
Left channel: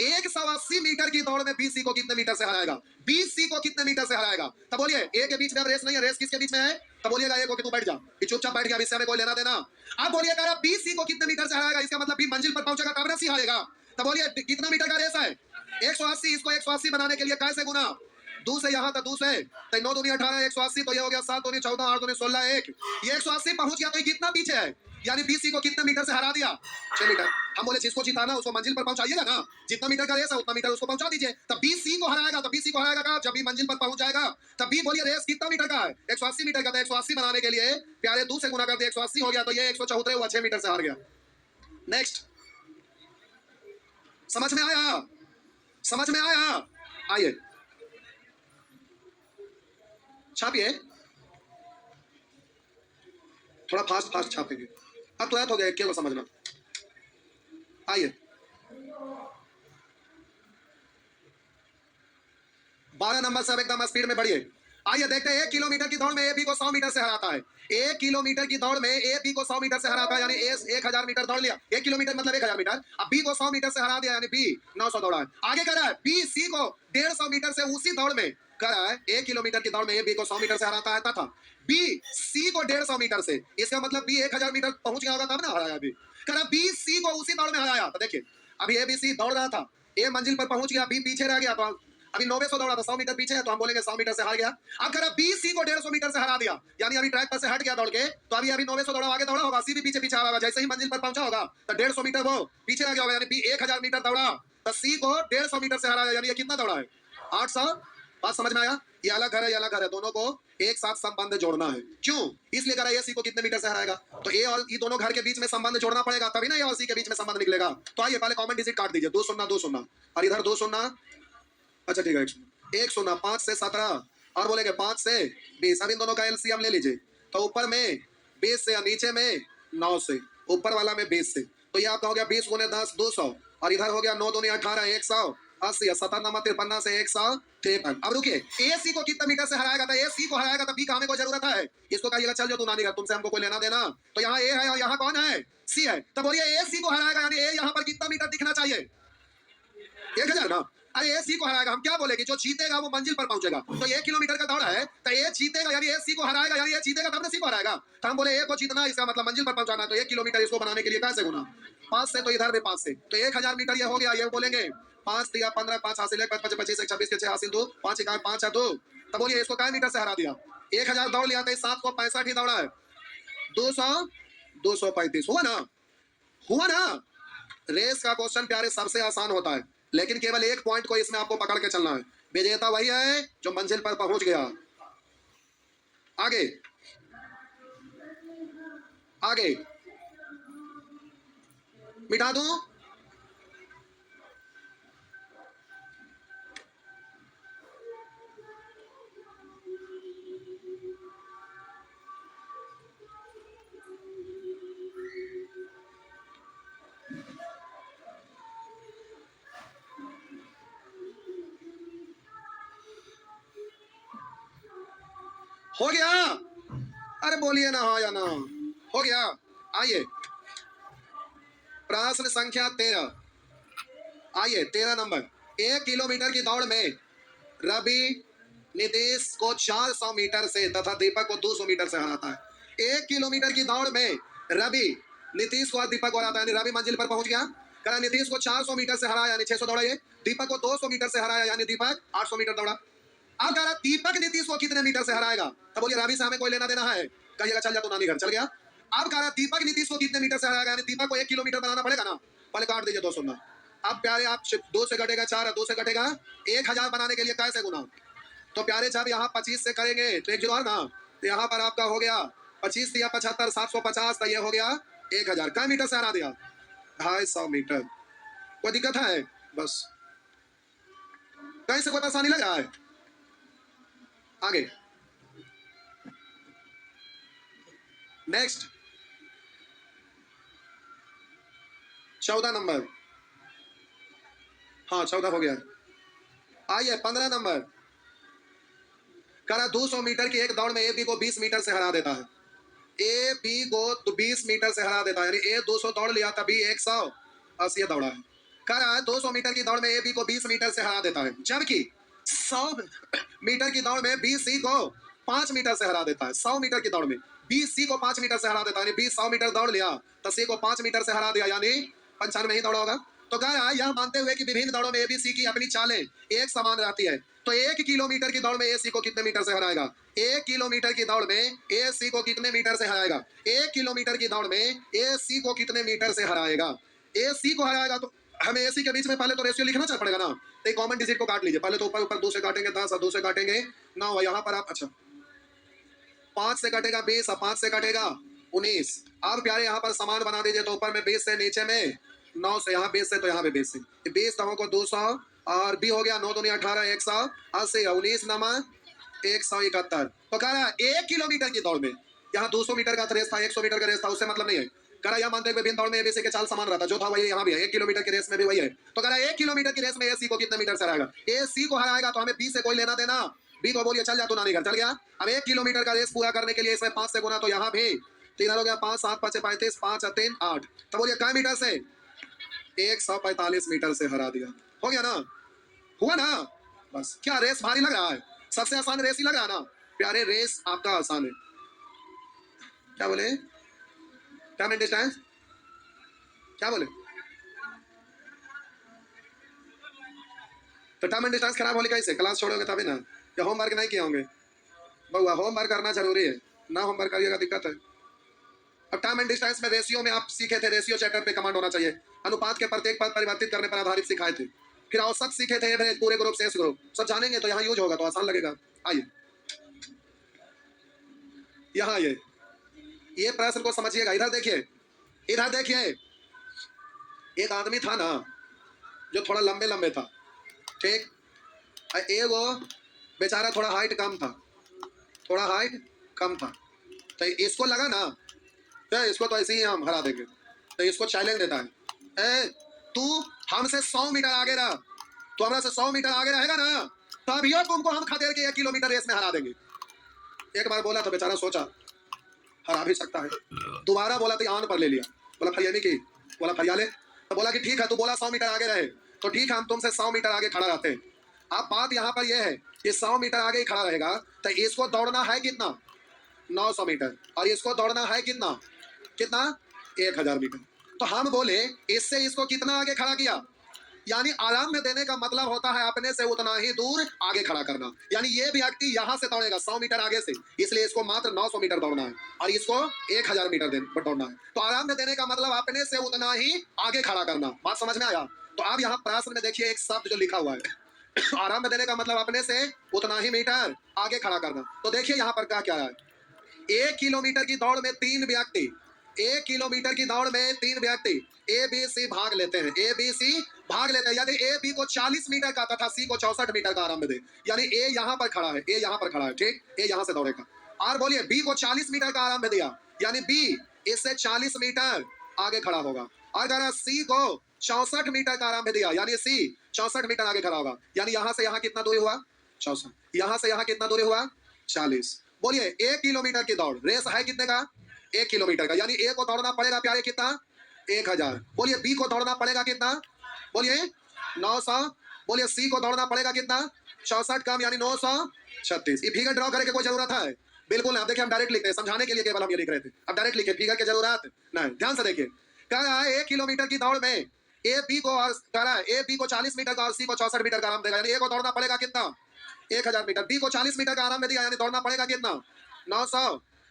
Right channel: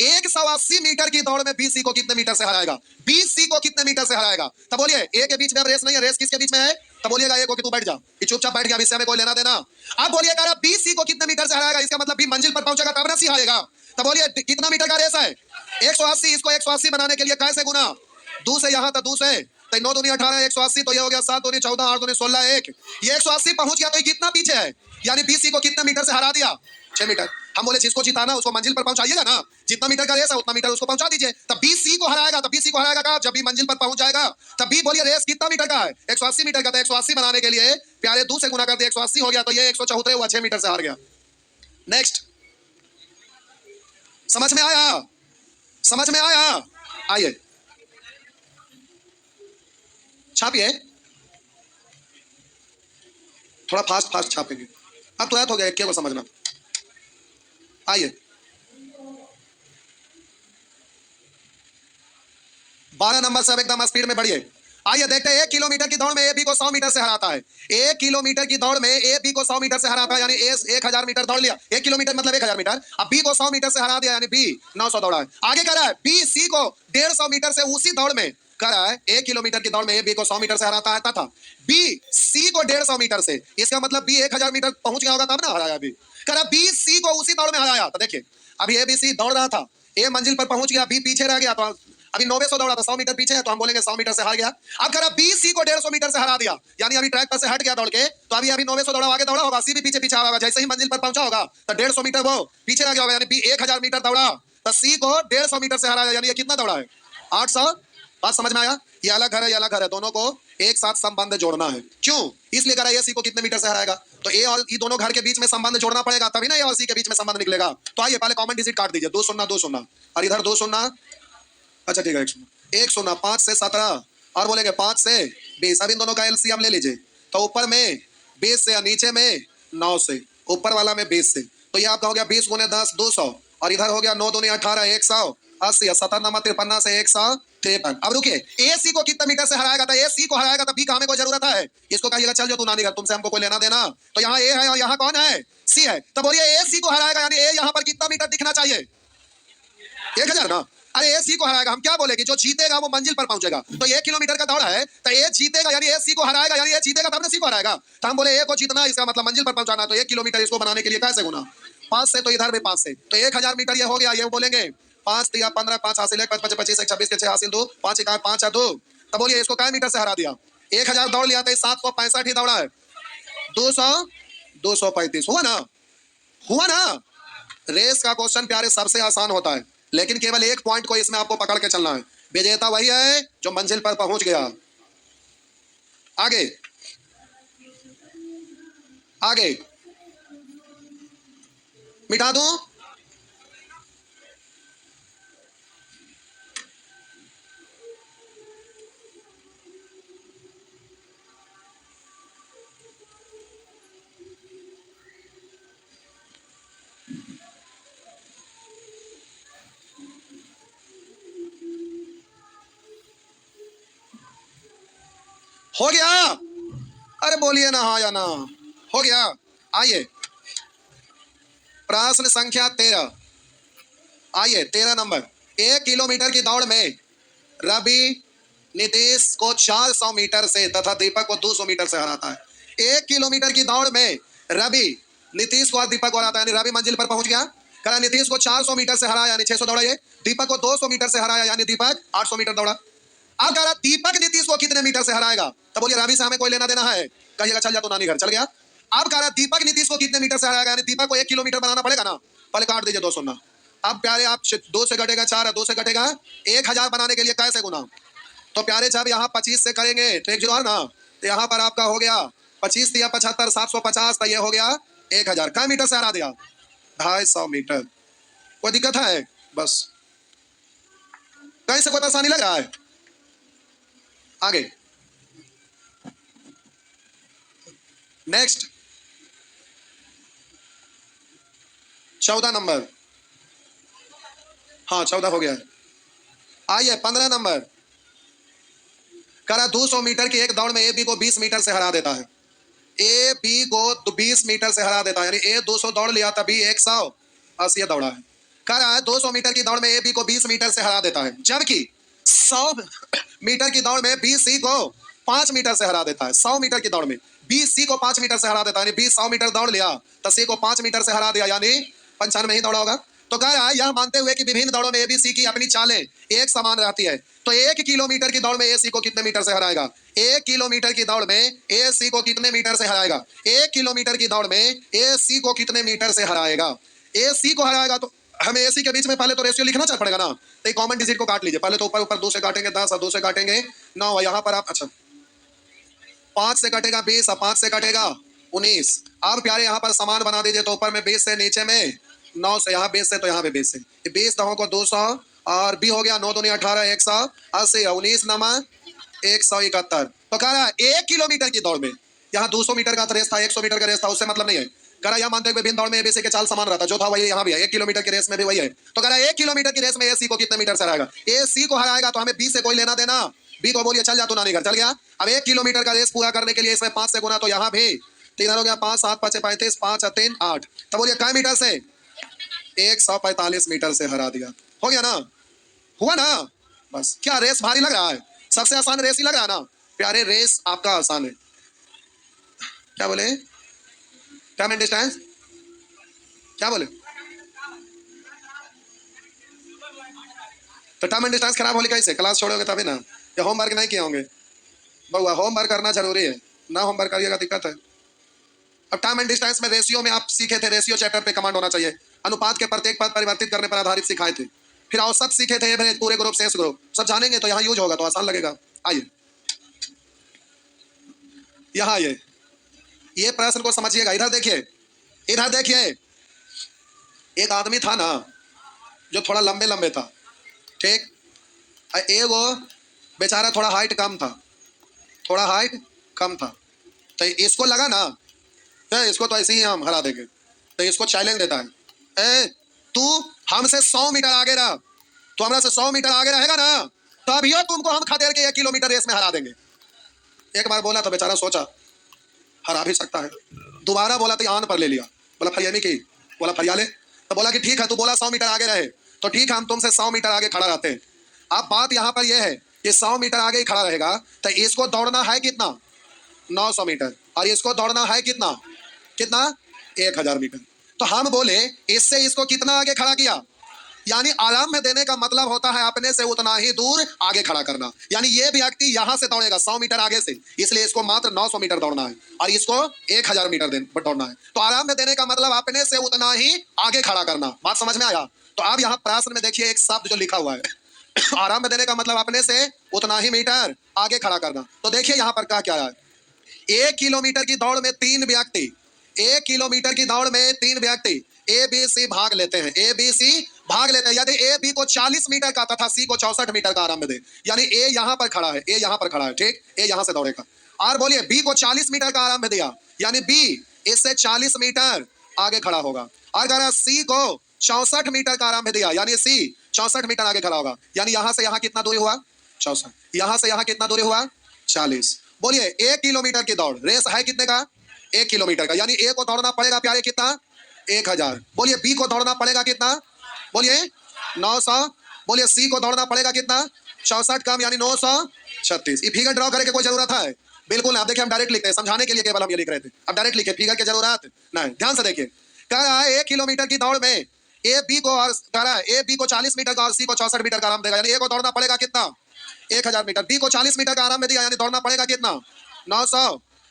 180 मीटर की दौड़ में बी सी को कितने मीटर से हराएगा, बी सी को कितने मीटर से हराएगा? तब बोलिए ए के बीच में अब रेस नहीं है, रेस किसके बीच में है? तब बोलिएगा ए को कि तू बैठ जा, कि चुपचाप बैठ गया, इससे हमें कोई लेना देना। अब बोलिएगा बी सी को कितने मीटर से हराएगा, इसका मतलब बी मंजिल पर पहुंचेगा तब ना सी हारेगा। तब बोलिए कितना मीटर का रेस है? 180, इसको 180 बनाने के लिए कैसे गुना? 2 से यहाँ तक 2 से, तो 9 दूनी 18, 180, तो ये हो गया 7 दूनी 14, 8 दूनी 16, 1, ये 180 पहुंच गया, तो ये कितना पीछे है? यानी बीसी को कितने मीटर से हरा दिया? 6 मीटर। हम बोले जिसको जिताना उसको मंजिल पर पहुंचाइएगा ना, जितना मीटर का रेस है उतना मीटर उसको पहुंचा दीजिए। तब बीसी को हराएगा, तब बीसी को हराएगा कब? जब भी मंजिल पर पहुंच जाएगा। तब बी बोलिए रेस कितना मीटर का है? 180 मीटर का। तो 180 बनाने के लिए प्यारे 2 से गुना कर दिया, 180 हो गया, तो ये 174 हुआ, 6 मीटर से हार गया। नेक्स्ट, समझ में आया? समझ में आया? आइए छापिए, थोड़ा फास्ट फास्ट छापेंगे, अब तुरंत हो गया, क्या को समझना। आइए 12 नंबर से अब एकदम स्पीड में बढ़िए। आइए देखते हैं 1 किलोमीटर की दौड़ में ए बी को 100 मीटर से हराता है। 1 किलोमीटर की दौड़ में ए बी को 100 मीटर से हराता है, यानी ए 1000 मीटर दौड़ लिया। 1 किलोमीटर मतलब 1000 मीटर। अब बी को 100 मीटर से हरा दिया, यानी बी 900 दौड़ा है। आगे कह रहा है बी सी को 150 मीटर से उसी दौड़ में, कह रहा है 1 किलोमीटर की दौड़ में ए बी को 100 मीटर से हराता है तथा बी सी को 150 मीटर से, इसका मतलब बी 1000 मीटर पहुंच गया होगा तब ना हराया बी। कह रहा बी सी को उसी दौड़ में हराया। तो देखिए अभी ए बी सी दौड़ रहा था, ए मंजिल पर पहुंच गया, बी पीछे रह गया, तो अभी 900 दौड़ा था, 100 मीटर पीछे है, तो हम बोलेंगे 100 मीटर से हार गया। अब कह रहा बी सी को 150 मीटर से हरा दिया, यानी अभी ट्रैक पर से हट गया दौड़ के, तो अभी 900 दौड़ा आगे दौड़ा होगा, सी भी पीछे पीछे होगा, जैसे ही मंजिल पर पहुंचा होगा तो 150 मीटर वो पीछे रह गया होगा, यानी बी 1000 मीटर दौड़ा, तो सी को 150 मीटर से हरा, यानी ये कितना दौड़ा है? 800। बात समझ में आया? ये अलग घर है, ये अलग घर है, दोनों को एक साथ संबंध जोड़ना है। क्यों? इसलिए करा ए सी को कितने मीटर से हराएगा, तो ए और ई दोनों घर के बीच में संबंध जोड़ना पड़ेगा, तभी ना ए और सी के बीच में संबंध निकलेगा। तो आइए पहले कॉमन डिजिट काट दीजिए, 2 शून्य 2 शून्य, और इधर 2 शून्य, अच्छा ठीक है 1 शून्य, 5 से 17 और बोलेंगे 5 से 20। अब इन दोनों का एलसीएम ले लीजिए, तो ऊपर में 20 से और नीचे में 9 से, ऊपर वाला में 20 से, तो ये आपका हो गया 20 गुने 10 200, और इधर हो गया 9 दूनी 18 180, 17 नंबर 53 से 153। अब रुकिए, ए सी को कितने मीटर से हराएगा, तो ए सी को हराएगा, तो बी का हमें कोई जरूरत है? इसको कहिएगा चल जो तू नानी घर, तुमसे हमको कोई लेना देना। तो यहाँ ए है और यहाँ कौन है? सी है। तो बोलिए ए सी को हराएगा, यानी ए यहाँ पर कितना मीटर दिखना चाहिए? 1000 ना। अरे ए सी को हराएगा, हम क्या बोले कि जो जीतेगा वो मंजिल पर पहुंचेगा। तो 1 किलोमीटर का दौड़ है, तो ए जीतेगा, यानी ए सी को हराएगा, यानी ए जीतेगा तब ना सी को हराएगा। तो हम बोले ए को जीतना, इसका मतलब मंजिल पर पहुंचाना, तो 1 किलोमीटर इसको बनाने के लिए कैसे गुना 5 से, तो इधर भी 5 से, तो 1000 मीटर ये हो गया। ये बोलेंगे 5 3 15 5 हासिल 1 5 25 1 26 के 6 हासिल 2 5 1 5 2। तो बोलिए इसको क्या मीटर से हरा दिया? 1000 दौड़ लिया तो 765 ही दौड़ा है, 200 235 हुआ ना, हुआ ना। रेस का क्वेश्चन प्यारे सबसे आसान होता है, लेकिन केवल एक पॉइंट को इसमें आपको पकड़ के चलना है। विजेता वही है जो मंजिल पर पहुंच गया। आगे आगे मिटा दूं, हो गया? अरे बोलिए ना हाँ या ना, हो गया। आइए प्रश्न संख्या 13, आइए 13 नंबर। 1 किलोमीटर की दौड़ में रवि नीतीश को 400 मीटर से तथा दीपक को 200 मीटर से हराता है। 1 किलोमीटर की दौड़ में रवि नीतीश को और दीपक को हराता है, यानी रवि मंजिल पर पहुंच गया। करा नीतीश को 400 मीटर से हराया, यानी 600 दौड़ा ये। दीपक को 200 मीटर से हराया, यानी दीपक 800 मीटर दौड़ा। अब कह रहा दीपक नीतीश को कितने मीटर से हराएगा, तो बोलिए रवि से हमें कोई लेना देना है, कहिएगा चल जा तू नानी घर, चल गया। अब कह रहा दीपक नीतीश को कितने मीटर से हराएगा, यानी दीपक को 1 किलोमीटर बनाना पड़ेगा ना, पहले काट दीजिए 200 ना। अब प्यारे आप 2 से घटेगा 4, 2 से घटेगा 1000 बनाने के लिए कैसे गुना, तो प्यारे जब यहाँ 25 से करेंगे तो 1 जीरो ना, तो यहाँ पर आपका हो गया 25 या 75 750, तो ये हो गया 1000। क्या मीटर से हरा दिया? 250 मीटर। कोई दिक्कत है? बस कहीं से कोई परेशानी लग रहा है? आगे नेक्स्ट 14 नंबर, हाँ 14 हो गया। आइए 15 नंबर। करा 200 मीटर की एक दौड़ में ए बी को 20 मीटर से हरा देता है। ए बी को 20 मीटर से हरा देता है, यानी ए 200 दौड़ लिया तभी 180 दौड़ा है। करा 200 मीटर की दौड़ में ए बी को 20 मीटर से हरा देता है, जबकि 100 मीटर की दौड़ में बी सी को 5 मीटर से हरा देता है। 100 मीटर की दौड़ में बी सी को 5 मीटर से हरा देता है, यानी बी 100 मीटर दौड़ लिया तो सी को 5 मीटर से हरा दिया, यानी 95 ही दौड़ा होगा। तो कह रहा है यह मानते हुए कि विभिन्न दौड़ों में एबीसी की अपनी चालें एक समान रहती है, तो 1 किलोमीटर की दौड़ में ए सी को कितने मीटर से हराएगा? 1 किलोमीटर की दौड़ में ए सी को कितने मीटर से हराएगा? 1 किलोमीटर की दौड़ में ए सी को कितने मीटर से हराएगा? ए सी को हराएगा तो हमें ए सी के बीच में पहले तो रेशियो लिखना चल पड़ेगा ना, तो कॉमन डिजिट को काट लीजिए। पहले तो ऊपर ऊपर 2 से काटेंगे 10 और 2 से काटेंगे 9, यहाँ पर आप अच्छा 5 से कटेगा 20 और 5 से कटेगा 19। अब प्यारे यहाँ पर समान बना दीजिए, तो ऊपर में 20 से, नीचे में 9 से, यहाँ 20 से तो यहाँ पे 20 से, 20 दहों को 200 और बी हो गया 9 दूनी 18 180, 19 नमा 171। तो कह रहा है 1 किलोमीटर की दौड़ में, यहाँ 200 मीटर का रेस था, 100 मीटर का रेस था, उससे मतलब नहीं है। कह रहा यहाँ मानते हुए विभिन्न दौड़ में एबीसी के चाल समान रहता, जो था वही यहाँ भी है, 1 किलोमीटर की रेस में भी वही है। तो कह रहा है 1 किलोमीटर की रेस में ए सी को कितने मीटर से हराएगा? ए सी को हराएगा तो हमें बी से कोई लेना देना, बी को बोलिए चल जा तू नानी घर, चल गया। अब 1 किलोमीटर का रेस पूरा करने के लिए इसमें 5 से गुना, तो यहाँ भी 3 हो गया 5 7 5 35 5 3 8, तो बोलिए क्या मीटर से? 145 मीटर से हरा दिया। हो गया ना, हुआ ना। बस क्या रेस भारी लग रहा है? सबसे आसान रेस ही लग रहा है ना प्यारे, रेस आपका आसान है। क्या बोले? टाइम एंड डिस्टेंस क्या बोले? तो टाइम एंड डिस्टेंस खराब होने कैसे? क्लास छोड़ोगे तभी ना, या होमवर्क नहीं किए होंगे? बहुआ होमवर्क करना जरूरी है ना, होमवर्क करिएगा दिक्कत है। अब टाइम एंड डिस्टेंस में रेशियो में आप सीखे थे, रेशियो चैप्टर पे कमांड होना चाहिए, अनुपात के प्रत्येक पद परिवर्तित करने पर आधारित सिखाए थे। फिर औसत सीखे थे, पूरे ग्रुप शेष ग्रुप सब जानेंगे तो यहाँ यूज होगा तो आसान लगेगा। आइए यहाँ ये प्रश्न को समझिएगा। इधर देखिए, इधर देखिए, एक आदमी था ना जो थोड़ा लंबे लंबे था, ठीक, एक वो बेचारा थोड़ा हाइट कम था, थोड़ा हाइट कम था। तो इसको लगा ना तो इसको तो ऐसे ही हम हरा देंगे। तो इसको चैलेंज देता है, ए तू हमसे 100 मीटर आगे रह, तो हमरा से 100 मीटर आगे रहेगा ना तभियो तुमको हम खदेड़ के 1 किलोमीटर रेस में हरा देंगे। एक बार बोला तो बेचारा सोचा हरा भी सकता है, दोबारा बोला तो आन पर ले लिया, बोला फरियामी की, बोला फरियाले, तो बोला कि ठीक है, तू बोला 100 मीटर आगे रहे तो ठीक है, हम तुमसे 100 मीटर आगे खड़ा रहते हैं। अब बात यहाँ पर यह है कि 100 मीटर आगे ही खड़ा रहेगा तो इसको दौड़ना है कितना, 900 मीटर, और इसको दौड़ना है कितना, कितना, 1000 मीटर। तो हम बोले इससे इसको कितना आगे खड़ा किया, यानी आराम में देने का मतलब होता है अपने से उतना ही दूर आगे खड़ा करना। यानी ये व्यक्ति यहां से दौड़ेगा 100 मीटर आगे से, इसलिए इसको मात्र 900 मीटर दौड़ना है और इसको 1000 मीटर दौड़ना है। तो आराम में देने का मतलब अपने से उतना ही आगे खड़ा करना। बात समझ में आया? तो आप यहाँ प्रश्न में देखिए एक शब्द जो लिखा हुआ है आराम में देने का मतलब अपने से उतना ही मीटर आगे खड़ा करना। तो देखिए यहाँ पर क्या है, 1 किलोमीटर की दौड़ में 3 व्यक्ति, 1 किलोमीटर की दौड़ में 3 व्यक्ति ए बी सी भाग लेते हैं, ए बी सी भाग लेते हैं। यदि ए बी को 40 मीटर का तथा सी को 64 मीटर का आराम दे, यानी ए यहां पर खड़ा है, ए यहां पर खड़ा है, ठीक, ए यहां से दौड़ेगा। और बोलिए बी को 40 मीटर का आराम दिया, यानी बी इससे 40 मीटर आगे खड़ा होगा। अगर सी को 64 मीटर का आराम दिया, यानी सी 64 मीटर आगे खड़ा होगा। यानी यहां से यहां कितना दूरी हुआ, 64, यहां से यहां कितना दूरी हुआ, 40। बोलिए 1 किलोमीटर की दौड़ रेस है कितने का, 1 किलोमीटर का, यानी ए को दौड़ना पड़ेगा प्यारे कितना, 1000। बोलिए बी को दौड़ना पड़ेगा कितना, बोलिए 900। बोलिए सी को दौड़ना पड़ेगा कितना, 64 कम यानी 936। ये फिगर ड्रॉ करने की कोई जरूरत है, बिल्कुल आप देखिए, हम डायरेक्ट लिखते हैं, समझाने के लिए केवल हम ये लिख रहे थे। अब डायरेक्ट लिखे, फिगर की जरूरत नहीं। ध्यान से देखिए, कह रहा है 1 किलोमीटर की दौड़ में ए बी को, और कह रहा है ए बी को 40 मीटर का और सी को 64 मीटर का आराम देगा, यानी ए को दौड़ना पड़ेगा कितना, 1000 मीटर। बी को 40 मीटर का आराम में दिया, यानी दौड़ना पड़ेगा कितना, 900।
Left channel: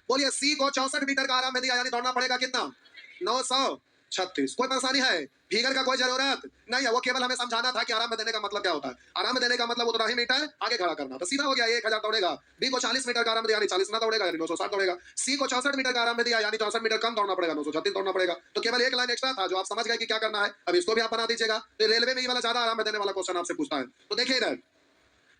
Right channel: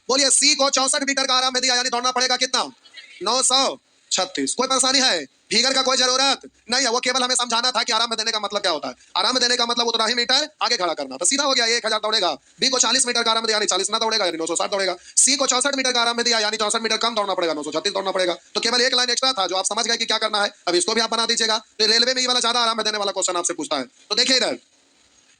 बोलिए सी को 64 मीटर का आराम में दिया, यानी दौड़ना पड़ेगा कितना, 936। कोई परेशानी है, फिगर का कोई जरूरत नहीं है, वो केवल हमें समझाना था कि आराम में देने का मतलब क्या होता है। आराम में देने का मतलब उतना ही मीटर आगे खड़ा करना, तो सीधा हो गया, 1000 दौड़ेगा। बी को 40 मीटर का आराम में दिया, यानी 40 ना दौड़ेगा, यानी 960 दौड़ेगा। सी को 64 मीटर का आराम में दिया, यानी 64 मीटर कम दौड़ना पड़ेगा, 936 दौड़ना पड़ेगा। तो केवल एक लाइन एक्स्ट्रा था जो आप समझ गए कि क्या करना है। अब इसको भी आप बना दीजिएगा। तो रेलवे में ये वाला ज्यादा आराम में देने वाला क्वेश्चन आपसे पूछता है। तो देखिए इधर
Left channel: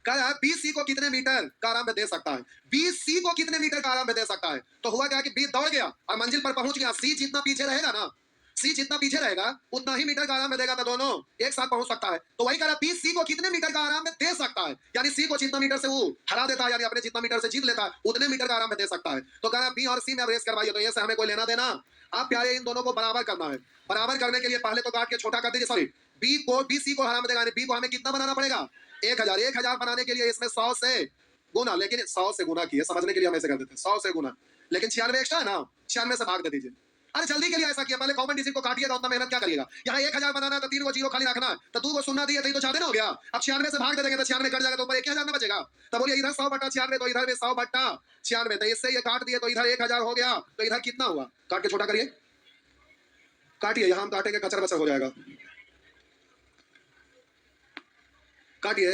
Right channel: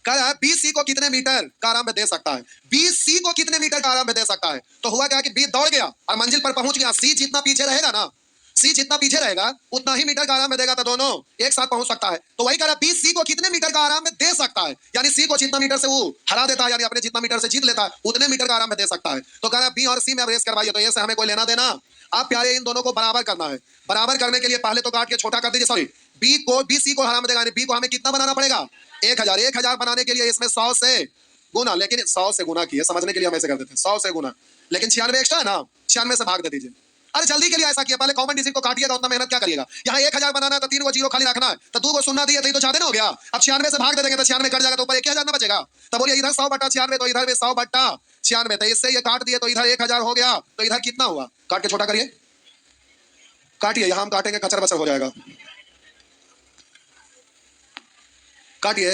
कह रहा है बी सी को कितने मीटर का आराम में दे सकता है, बी सी को कितने मीटर का आराम में दे सकता है। तो हुआ क्या कि बी दौड़ गया और मंजिल पर पहुंच गया। सी जितना पीछे रहेगा ना, सी जितना पीछे रहेगा उतना ही मीटर का आराम में देगा, तो दोनों एक साथ पहुंच सकता है। तो वही कह रहा है बी सी को कितने मीटर का आराम में दे सकता है, यानी सी को जितना मीटर से वो हरा देता है, यानी अपने जितना मीटर से जीत लेता है उतने मीटर का आराम में दे सकता है। तो कह रहा है बी और सी में रेस करवाइए, तो ये से हमें कोई लेना देना। आप प्यारे इन दोनों को बराबर करना है। बराबर करने के लिए पहले तो काट के छोटा कर दीजिए, सॉरी, बी को बी सी को हरा में देगा, यानी बी को हमें कितना बनाना पड़ेगा, 1000। 1000 बनाने के लिए इसमें 100 से गुना, लेकिन 100 से गुना किए, समझने के लिए हम ऐसे कर देते हैं 100 से गुना, लेकिन 96 एक्स्ट्रा है ना, 96 से भाग दे दीजिए। अरे जल्दी के लिए ऐसा किया, पहले कॉमन डिजिट को काटिएगा, उतना मेहनत क्या करिएगा। यहाँ 1000 बनाना है तो 3 को जीरो खाली रखना है, तो 2 को सुनना दिए तो ज्यादा ना हो गया। अब 96 से भाग दे देंगे तो 96 कट जाएगा, तो ऊपर 1000 ना बचेगा। तो बोलिए इधर 100/96, तो इधर भी 100/96, तो इससे ये काट दिए तो इधर 1000 हो गया, तो इधर कितना हुआ, काट के छोटा करिए, काटिए, यहाँ हम काटेंगे कचर बचर हो जाएगा, काटिए,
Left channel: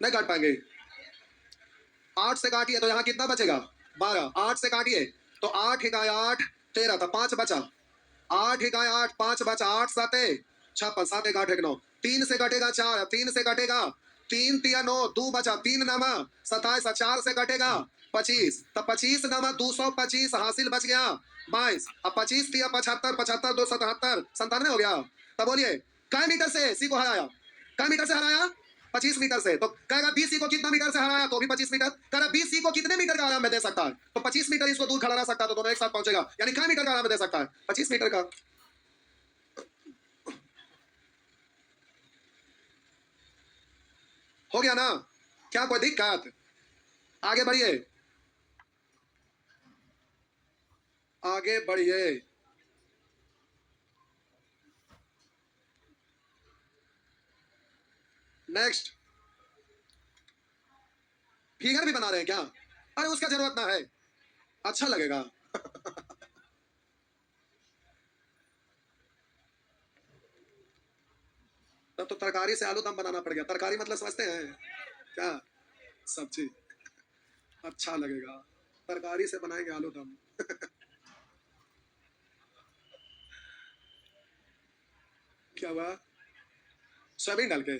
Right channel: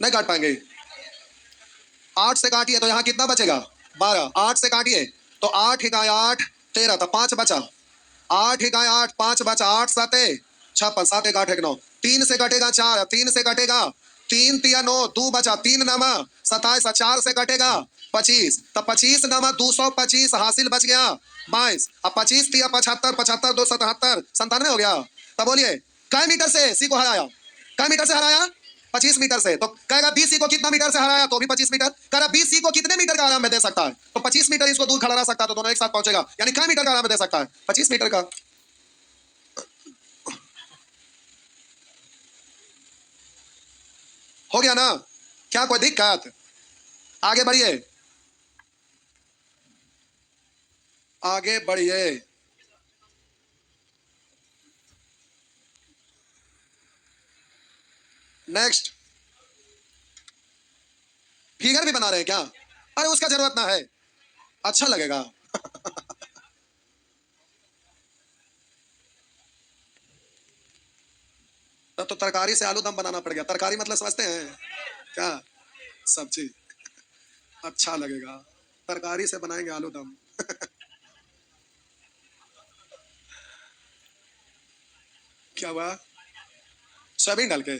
नहीं काट पाएंगे। 8 से काटिए तो यहाँ कितना बचेगा, 12। 8 से काटिए तो 8 इकाई 8 13, तो 5 बचा, 8 इकाई 8 5 बचा, 8 7 56, 7 1 8 1 9, 3 से कटेगा 4, 3 से कटेगा 3 3 9, 2 बचा, 3 नमा 27, 4 से कटेगा 25, तो 25 नमा 225 हासिल बच गया 22। अब 25 3 75, 75 2 77, 97 हो गया। तो बोलिए कै मीटर से सी को हराया, कै मीटर से हराया, 25 मीटर से। तो कहेगा बीसी को कितना मीटर से हराया, तो भी 25 मीटर। कह रहा बीसी को कितने मीटर का आराम में दे सकता है, तो 25 मीटर इसको दूर खड़ा रह सकता है, तो दोनों एक साथ पहुंचेगा, यानी क्या मीटर का आराम में दे सकता है, 25 मीटर का। हो गया ना, क्या कोई दिक्कत, आगे बढ़िए, आगे बढ़िए। नेक्स्ट, फिगर भी बना रहे हैं क्या, अरे उसका जरूरत ना है, अच्छा लगेगा तब तो तरकारी से आलू दम बनाना पड़ गया। तरकारी मतलब समझते हैं क्या, सब्जी, अच्छा लगेगा। तरकारी से बनाएंगे आलू दम। क्या हुआ? सोयाबीन डाल के?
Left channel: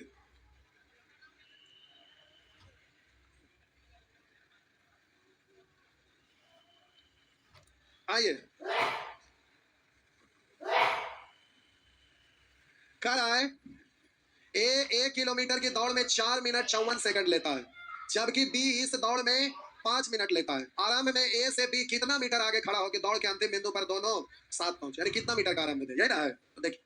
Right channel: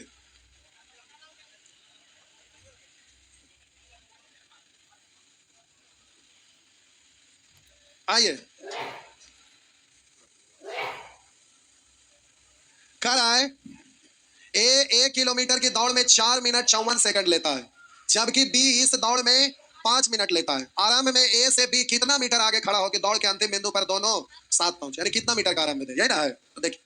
आइए, कह रहा है ए 1 किलोमीटर की दौड़ में 4 मिनट 54 सेकंड लेता है, जबकि बी इस दौड़ में 5 मिनट लेता है। आरंभ में ए से बी कितना मीटर आगे खड़ा होकर दौड़ के अंतिम बिंदु पर दोनों साथ पहुंचे, यानी कितना मीटर का आरंभ में, यही ना है। तो देखिए,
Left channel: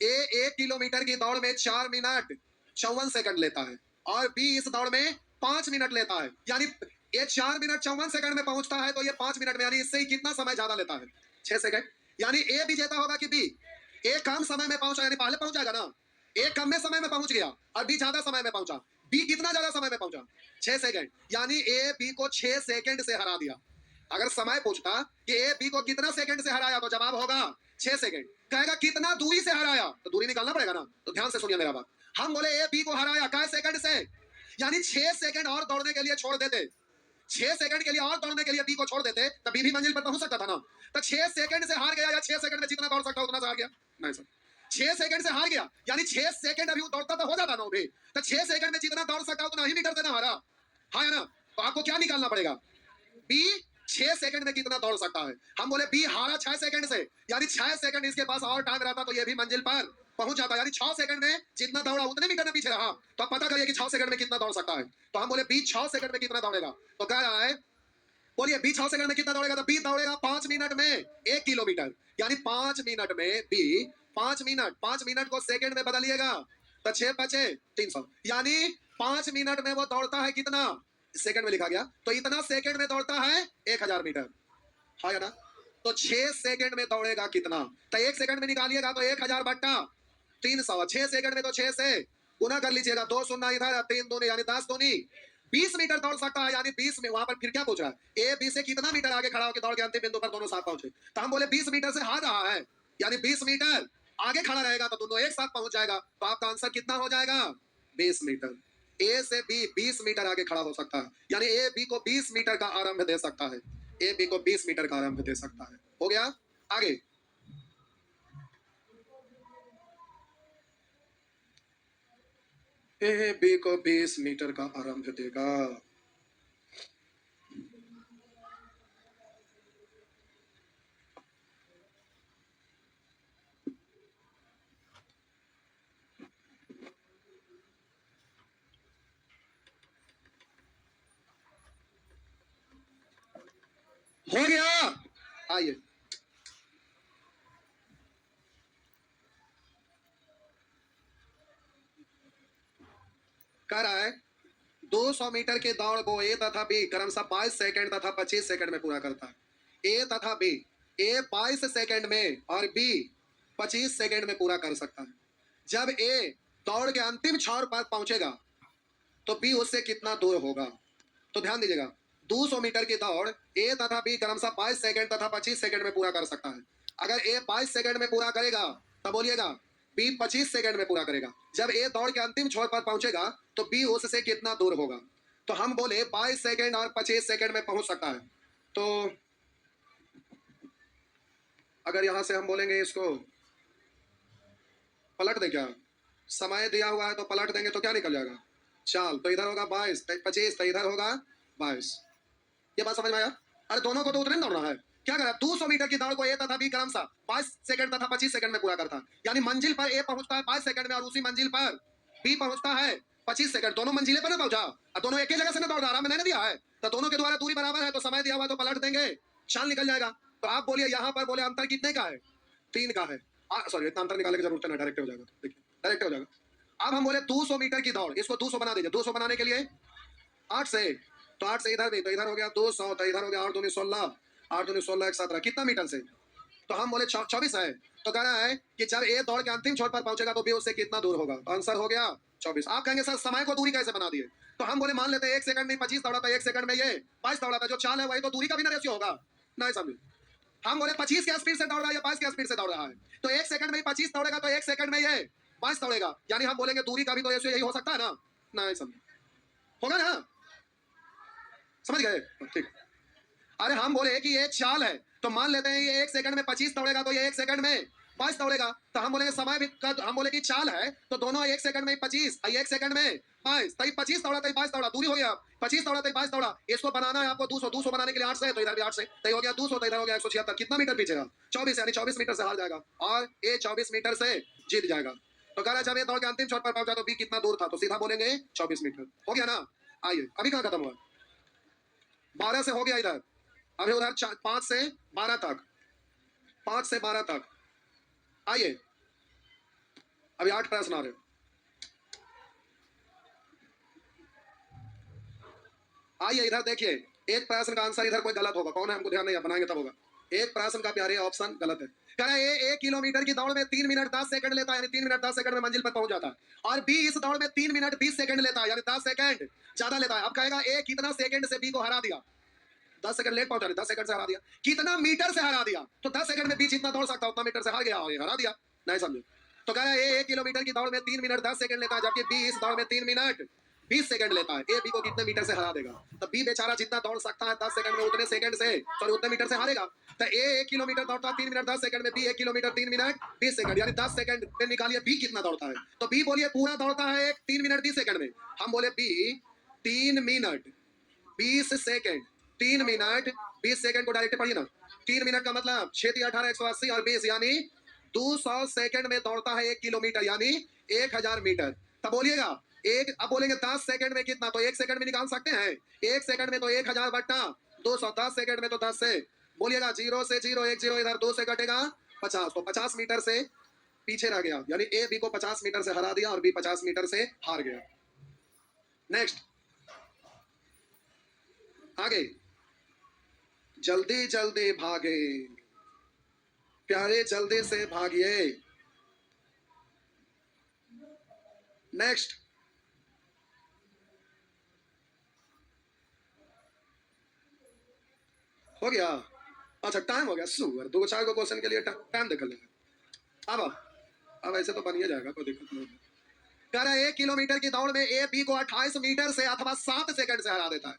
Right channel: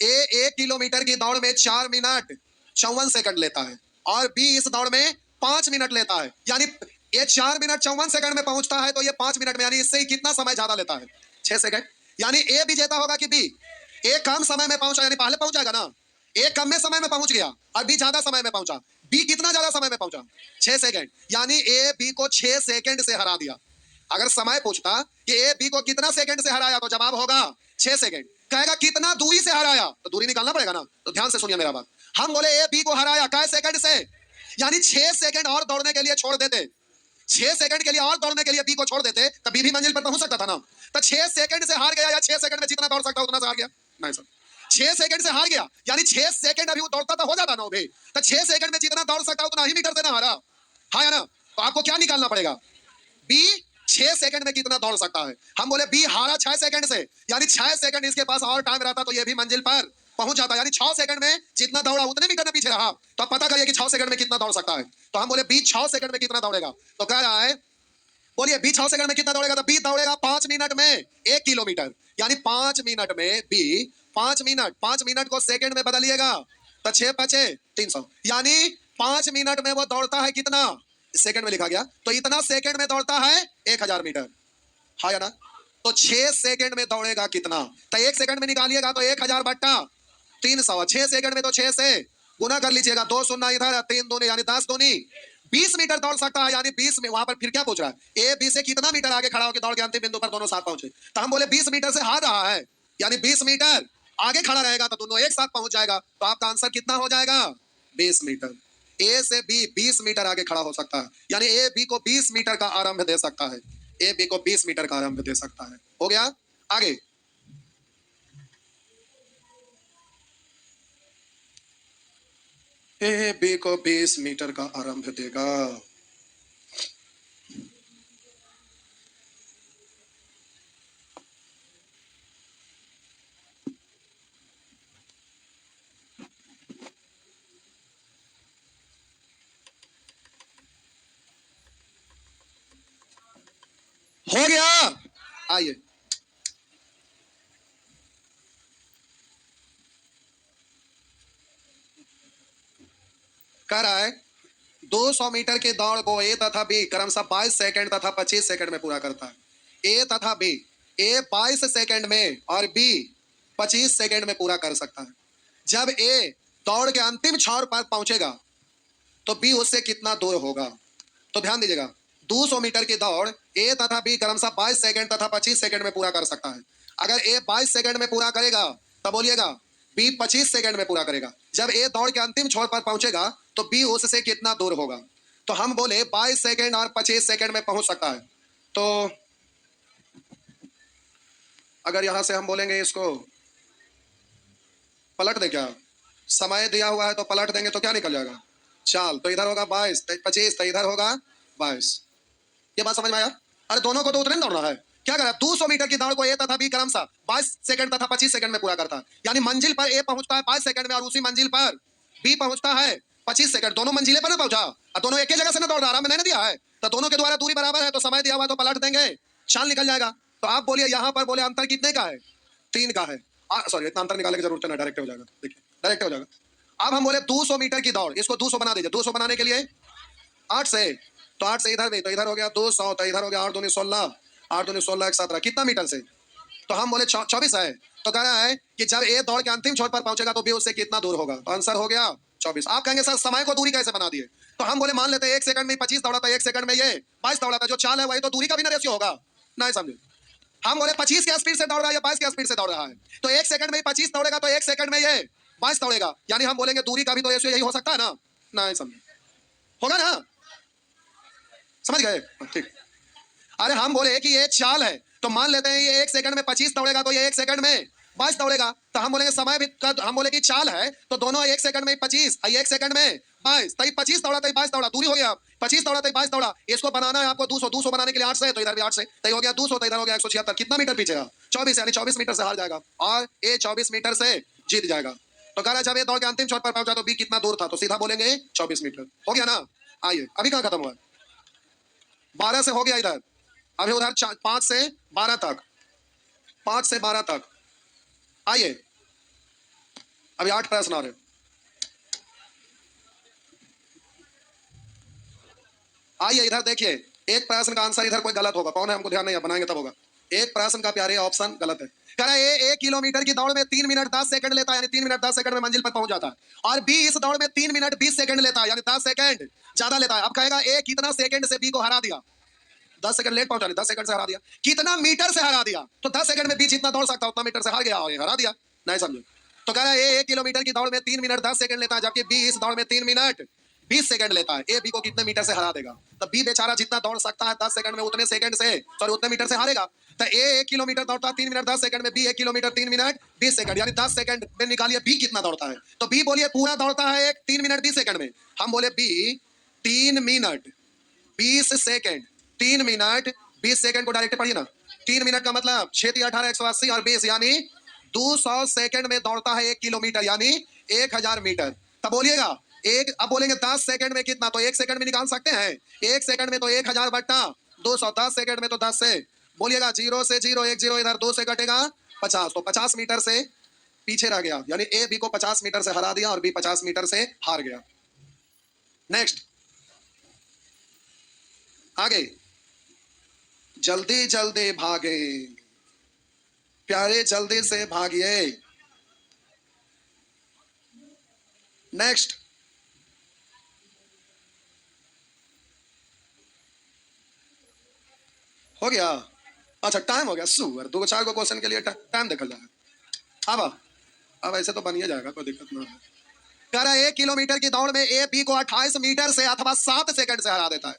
ए 1 किलोमीटर की दौड़ में 4 मिनट 54 सेकंड लेता है और बी इस दौड़ में 5 मिनट लेता है, यानी ये 4 मिनट 54 सेकंड में पहुंचता है तो ये 5 मिनट में, यानी इससे ही कितना समय ज्यादा लेता है? 6 सेकंड। यानी ए विजेता होगा कि बी? ए कम समय में पहुंचा, यानी पहले पहुंच जाएगा ना। ए कम में समय में पहुंच गया और बी ज्यादा समय में पहुंचा। बी कितना ज्यादा समय में पहुंचा? 6 सेकंड। यानी ए बी को 6 सेकंड से हरा दिया। अगर समय पूछता कि ए बी को कितना सेकंड से हराया तो जवाब होगा 6 सेकंड। कहेगा कितना दूरी से हराया तो दूरी निकालना पड़ेगा ना। तो ध्यान से सुनिए मेरा बात। हम बोले ए बी को हराया कै सेकंड से, यानी 6 सेकंड और दौड़ने के लिए छोड़ देते। 6 सेकंड के लिए और दौड़ने के लिए बी को छोड़ देते तो बी भी मंजिल पर पहुंच सकता था ना। तो 6 सेकंड से हार गया, या 6 सेकंड में जितना दौड़ सकता उतना से हार गया? नहीं सर, 6 सेकंड से हार गया, यानी 6 सेकंड अभी वो दौड़ता तो हो जाता ना भी। तो 6 सेकंड में जितना दौड़ सकता उतना ही मीटर से ना हारा। हाँ या ना? तो आपको क्या निकालना पड़ेगा? बी 6 सेकंड में कितना दौड़ सकता है। हम बोले बी हारा 6 सेकंड से, यानी 6 सेकंड इसके पास और टाइम रहता तो ये भी मंजिल पर पहुंच जाता, यानी 6 सेकंड में जितना दौड़ा उतने मीटर में पीछे रहा। तो आप पता करिए कि 6 सेकंड में कितना दौड़ सकता है। तो हम बोले बी 6 सेकंड में कितना दौड़ेगा, तो कह रहा है बोलिए बी 6 सेकंड में कितना दौड़ेगा, तो बी दौड़ेगा 5 मिनट में 1 किलोमीटर, यानी 5 मिनट में बी 5 मिनट, 5 मिनट को सेकंड में बदलिएगा तो 6×5=300, यानी 5 मिनट में वो दौड़ता है कितना, सेकंड में लिखा गया, तो इतना सेकंड में दौड़ता है 1000 मीटर। हाँ या ना? तो 6 सेकंड में दौड़ेगा कितना, तो 1 सेकंड में निकालिएगा तो 1000/300। 6 सेकंड में तो 6 से गुना कर लीजिएगा, 2 शून्य इधर, 3 दूनी यानी 10 दूनी 20 मीटर दौड़ सकता है, यानी 20 में। वहां पर फिर क्या पूछ रहा है, ए बी से कितना मीटर आगे खड़ा होकर दौड़ के अंतिम बिंदु पर दोनों साथ पहुंचे। तो हम बोले 20 मीटर से हार रहा है, यानी 20 मीटर आगे खड़ा रहेगा तो दोनों एक साथ पहुंच जाएगा। तो आपका आंसर कितना हो जाएगा? 20 मीटर। ए से बी 20 मीटर आगे खड़ा हो सकता है, यानी ए बी को 20 मीटर का आरंभ दे सकता है। ए बी को 20 मीटर का आरंभ दे सकता है। हो गया? आगे ए बी को 20 मीटर का आरंभ देगा। हो गया? आइए, कह रहा है 200 मीटर की दौड़ को ए तथा बी क्रमशः 22 सेकंड तथा 25 सेकंड में पूरा करता है। ए तथा बी, ए 22 सेकंड में और बी 25 सेकंड में पूरा कर सकता है। जब ए दौड़ के अंतिम छोर पर पहुंचेगा तो बी उससे कितना दूर होगा। तो ध्यान दीजिएगा, 200 मीटर की दौड़ ए तथा बी क्रमशः 22 सेकंड तथा 25 सेकंड में पूरा कर सकता है। अगर ए 22 सेकंड में पूरा करेगा तब बोलिएगा बी 25 सेकंड में पूरा करेगा। जब ए दौड़ के अंतिम छोर पर पहुंचेगा तो बी उससे कितना दूर होगा। तो हम बोले 22 सेकंड और 25 सेकंड में पहुंच सकता है। तो अगर यहां से हम बोलेंगे इसको पलट दे, क्या समय दिया हुआ है तो पलट देंगे तो क्या निकल जाएगा, चाल, तो इधर होगा 22, 25, तो इधर होगा 22। ये बात समझ में आया? अरे दोनों को तो उतने दौड़ रहा है। क्या करा, 200 मीटर की दौड़ को ए तथा बी क्रमशः 22 सेकंड तथा 25 सेकंड में पूरा करता है, यानी मंजिल पर ए पहुंचता है 22 सेकंड में और उसी मंजिल पर बी पहुंचता है 25 सेकंड। दोनों मंजिले पर ना पहुंचा और दोनों एक ही जगह से ना दौड़ रहा, मैंने नहीं दिया है। तो दोनों के द्वारा दूरी बराबर है तो समय दिया हुआ तो पलट देंगे, चाल निकल जाएगा। तो आप बोलिए यहाँ पर बोले अंतर कितने का है? 3 का है। सॉरी, इतना अंतर निकालने की जरूरत नहीं, डायरेक्ट हो जाएगा। देखिए डायरेक्ट हो जाएगा। अब हम बोले 200 मीटर की दौड़, इसको 200 बना दीजिए। 200 बनाने के लिए 8 से, तो 8 से इधर भी, तो इधर हो गया 200, तो इधर हो गया 8 दूनी 16, 8 दूनी 16 1 17, कितना मीटर से? तो हम बोले 24 है। तो कह रहा है कि जब ए दौड़ के अंतिम छोर पर पहुंचेगा तो बी उससे कितना दूर होगा। तो आंसर हो गया 24। आप कहेंगे सर समय को दूरी कैसे बना दिए? तो हम बोले मान लेते हैं 1 सेकंड में 25 दौड़ा था, 1 सेकंड में ये 22 दौड़ा था, जो चाल है वही तो दूरी का भी ना रेशियो होगा। नहीं समझे? हम बोले 25 के स्पीड से दौड़ रहा है या 22 के स्पीड से दौड़ रहा है, तो 1 सेकंड में 25 दौड़ेगा तो 1 सेकंड में ये 22 दौड़ेगा, यानी हम बोलेंगे दूरी का भी तो रेशियो यही हो सकता है ना। नहीं समझे? होगा ना? समझ गए? ठीक। अरे हम बोले कि ये चाल है, तो मान लेते हैं ये 1 सेकंड में 25 दौड़ेगा, तो ये 1 सेकंड में 22 दौड़ेगा। तो हम बोलेंगे समय भी हम बोले कि चाल है, तो दोनों 1 सेकंड में 25, 1 सेकंड में 22, तभी 25 दौड़ा, तभी 22 दौड़ा, दूरी हो गया। 25 दौड़ा, तभी 22 दौड़ा। इसको बनाना है आपको 200, 200 बनाने के लिए 8 से, तो इधर भी 8 से, तभी हो गया 200, तो इधर हो गया 176। कितना मीटर पीछेगा? 24, यानी 24 मीटर से हार जाएगा, और ये 24 मीटर से जीत जाएगा। तो कह रहा जब ये दौड़ के अंतिम छोर पर पहुंचा तो बी कितना दूर था, तो सीधा बोलेंगे 24 मीटर। हो गया ना? आइए, अभी कहां खत्म हुआ? 12 से हो गया इधर, अभी उधर 5 से 12 तक, 5 से 12 तक। आइए, अभी 8 प्रश्न आ रहे। आइए इधर देखिए, एक प्रश्न का आंसर इधर कोई गलत होगा, कौन है हमको ध्यान नहीं है, बनाएंगे तब होगा। एक प्रश्न का प्यारे ऑप्शन गलत है। कह रहा है 1 किलोमीटर की दौड़ में 3 मिनट 10 सेकंड लेता है, यानी 3 मिनट 10 सेकंड में मंजिल पर पहुंच जाता है। और बी इस दौड़ में 3 मिनट 20 सेकंड लेता है, यानी 10 सेकंड ज्यादा लेता है। अब कहेगा ए कितना सेकंड से बी को हरा दिया? 10 सेकंड लेट पहुंचा, 10 सेकंड से हरा दिया। कितना मीटर से हरा दिया? तो 10 सेकंड में बी जितना दौड़ सकता उतना मीटर से हार गया और हरा दिया। नहीं समझे? तो कह रहा है 1 किलोमीटर की दौड़ में 3 मिनट 10 सेकंड लेता है, जबकि बी इस दौड़ में 3 मिनट 20 सेकंड लेता है। ए बी को कितने मीटर से हरा देगा? तो बी बेचारा जितना दौड़ सकता है 10 सेकंड में, उतने सेकंड से, सॉरी उतने मीटर से हारेगा। तो ए 1 किलोमीटर दौड़ता है 3 मिनट 10 सेकंड में, बी 1 किलोमीटर 3 मिनट 20 सेकंड, यानी 10 सेकंड में निकालिए बी कितना दौड़ता है। तो बी बोलिए पूरा दौड़ता है 3 मिनट 20 सेकंड में। हम बोले बी 3 मिनट 20 सेकंड, 3 मिनट 20 सेकंड को डायरेक्ट पढ़िए ना। 3 मिनट का मतलब 6 × 18 180 और 20, यानी 200 सेकंड में दौड़ता है 1 किलोमीटर, यानी 1000 मीटर। तब बोलिएगा एक, अब बोलेंगे 10 सेकंड में कितना, तो 1 सेकंड में निकाल सकते हैं। 1 सेकंड में तो 1000 बट्टा 200, 10 सेकंड में तो 10 से, बोलिएगा 0 से 0, 1 0, इधर 2 से कटेगा 50, तो 50 मीटर से पीछे रह गया, यानी ए बी को 50 मीटर से हरा दिया और बी 50 मीटर से हार गया। नेक्स्ट, आगे, जल्दी जल्दी भागे प्यारे, जल्दी से भागिए। नेक्स्ट, हो गया? अच्छा टाइम हो गया, सुअर 2-4 को क्वेश्चन के लिए टाइम देखा जाए। अब ऐसे तो बन ही जाएगा, कोई दिक्कत नहीं है। कह रहा है 1 किलोमीटर की दौड़ में ए बी को 28 मीटर से अथवा 7 सेकंड से हरा देता है।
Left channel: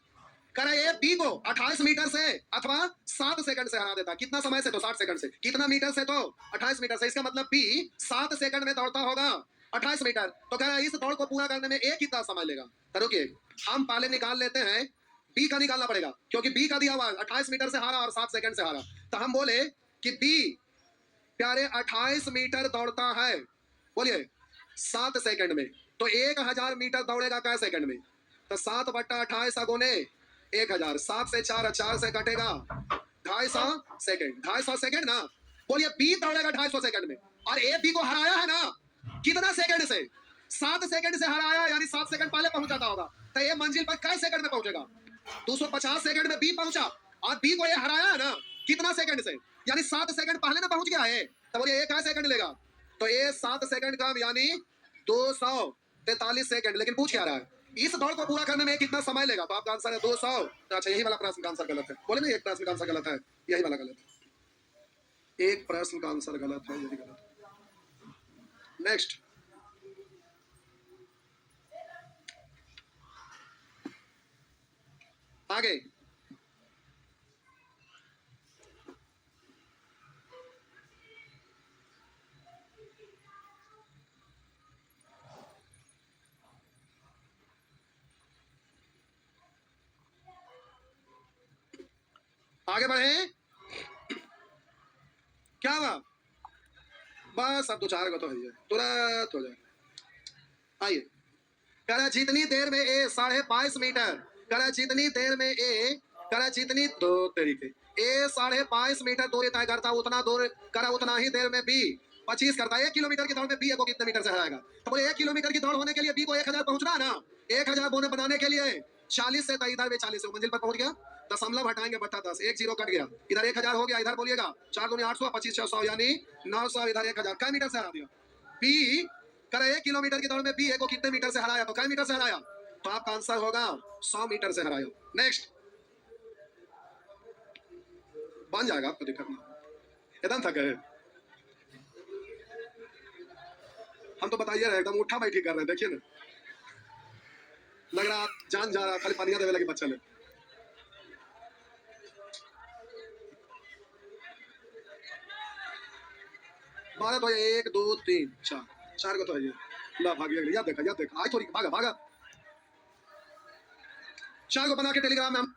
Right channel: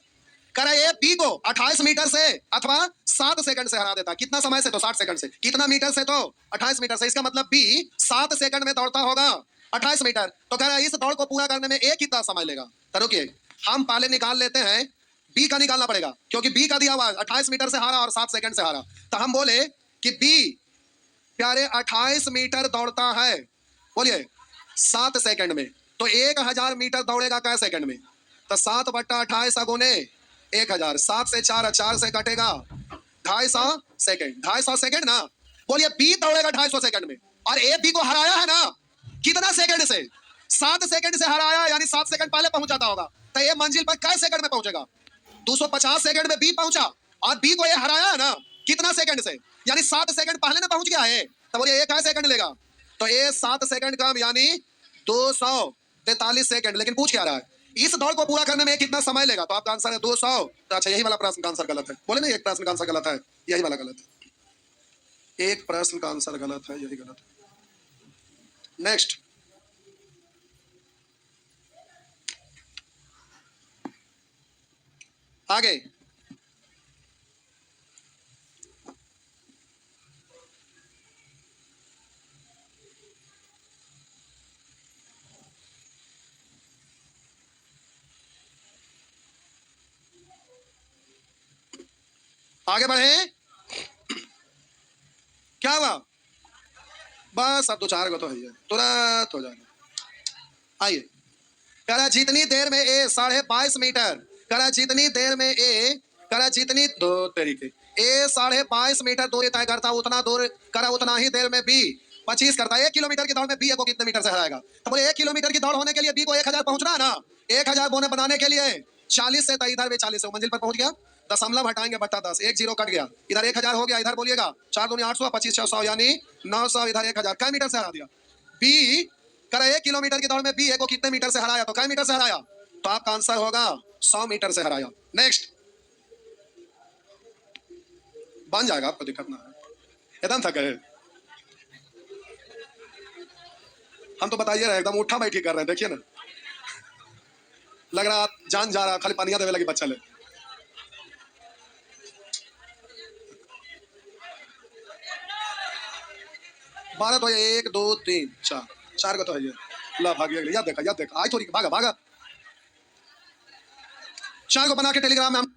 कह रहा है ए बी को 28 मीटर से अथवा 7 सेकंड से हरा देता है। कितना समय से? तो 60 सेकंड से। कितना मीटर से? तो 28 मीटर से। इसका मतलब बी 7 सेकंड में दौड़ता होगा 28 मीटर। तो कह रहा है इस दौड़ को पूरा करने में ए कितना समय लेगा? तो रुकिए, हम पहले निकाल लेते हैं, बी का निकालना पड़ेगा, क्योंकि बी का दिया हुआ 28 मीटर से हारा और 7 सेकंड से हारा। तो हम बोले कि बी प्यारे 28 मीटर दौड़ता है, बोलिए 7 सेकंड में, तो 1000 मीटर दौड़ेगा कै सेकंड में? तो 7 बट्टा 28 गुने 1000, 7 से 4, 4 से कटेगा 250 सेकंड, 250 सेकंड ना। बोलिए बी दौड़ेगा 250 सेकंड में, और ए बी को हराया है ना, कितना सेकंड से? 7 सेकंड से हराया, यानी 7 सेकंड पहले पहुंच जाता होगा। तो ये मंजिल पर कै सेकंड में पहुंचेगा? 250 सेकंड में बी पहुंचा, और बी को ये हराया है ना, कितना सेकंड से? यानी 7 सेकंड पहले ना पहुंच गया है। तो बोलिए ये कै सेकंड लेगा? तो ये 7 सेकंड कम, यानी 243 सेकंड। लेकिन पूछ क्या रहा है, इस दौड़ को पूरा करने में कितना समय लेगा? तो आपका आंसर है 200। तो अच्छा, यही वाला प्रश्न का आंसर गलत है। बोले ना एक प्रश्न का आंसर गलत है, यही वाला गलत है। एक प्रश्न का आंसर गलत है, यही गलत है। नेक्स्ट, आगे, आगे बढ़े। क्या हुआ? बस अब 2-4 को तो है, तुरंत हो जाएगा। आइए, कह रहा जितनी देर में ए 22.5 मीटर, कह रहा जितनी देर में ए, कह रहा जितनी दो तरीके ए 22.5 मीटर दूरी तय करता, उतना दूर करा उतना ही देर में बी 25 करता है। 1 किलोमीटर की दौड़ में बी को कितने मीटर से हराएगा? तो बोले 1 किलोमीटर की दौड़ होने के लिए बी को 1000 पहुंचना है ना। 1000 बोने बनाने के लिए 40 से, तो इधर भी 40 से मंजिल पर पहुंच गया। दशमलव हटाएंगे बट्टा 10, 1 0 कट गया, इधर 1000 हो गया, इधर बोलिएगा 4 दूनी 800, 25 600, यानी 900, इधर 1000 कै मीटर से हरा दिया? बी कह 1 किलोमीटर की दौड़ में बी को कितने मीटर से हराया? तो कै मीटर से हराया? तो आपका आंसर होगा 100 मीटर से हराया। नेक्स्ट, बन जाएगा, आपको दिक्कत ना एकदम थक गए। हम तो बताइए ना, एकदम उठा बैठी कर रहे हैं, देखिए ना, लग रहा जान जा रहा, खाली पानिया देवे लगी बच्चा ले। 12 तो है, 1 2 3 4 4 को तो है ये। ला भाग गया, याद देखा आज थोड़ी भागा भागा। 4 को बना के टेलीग्राम में हम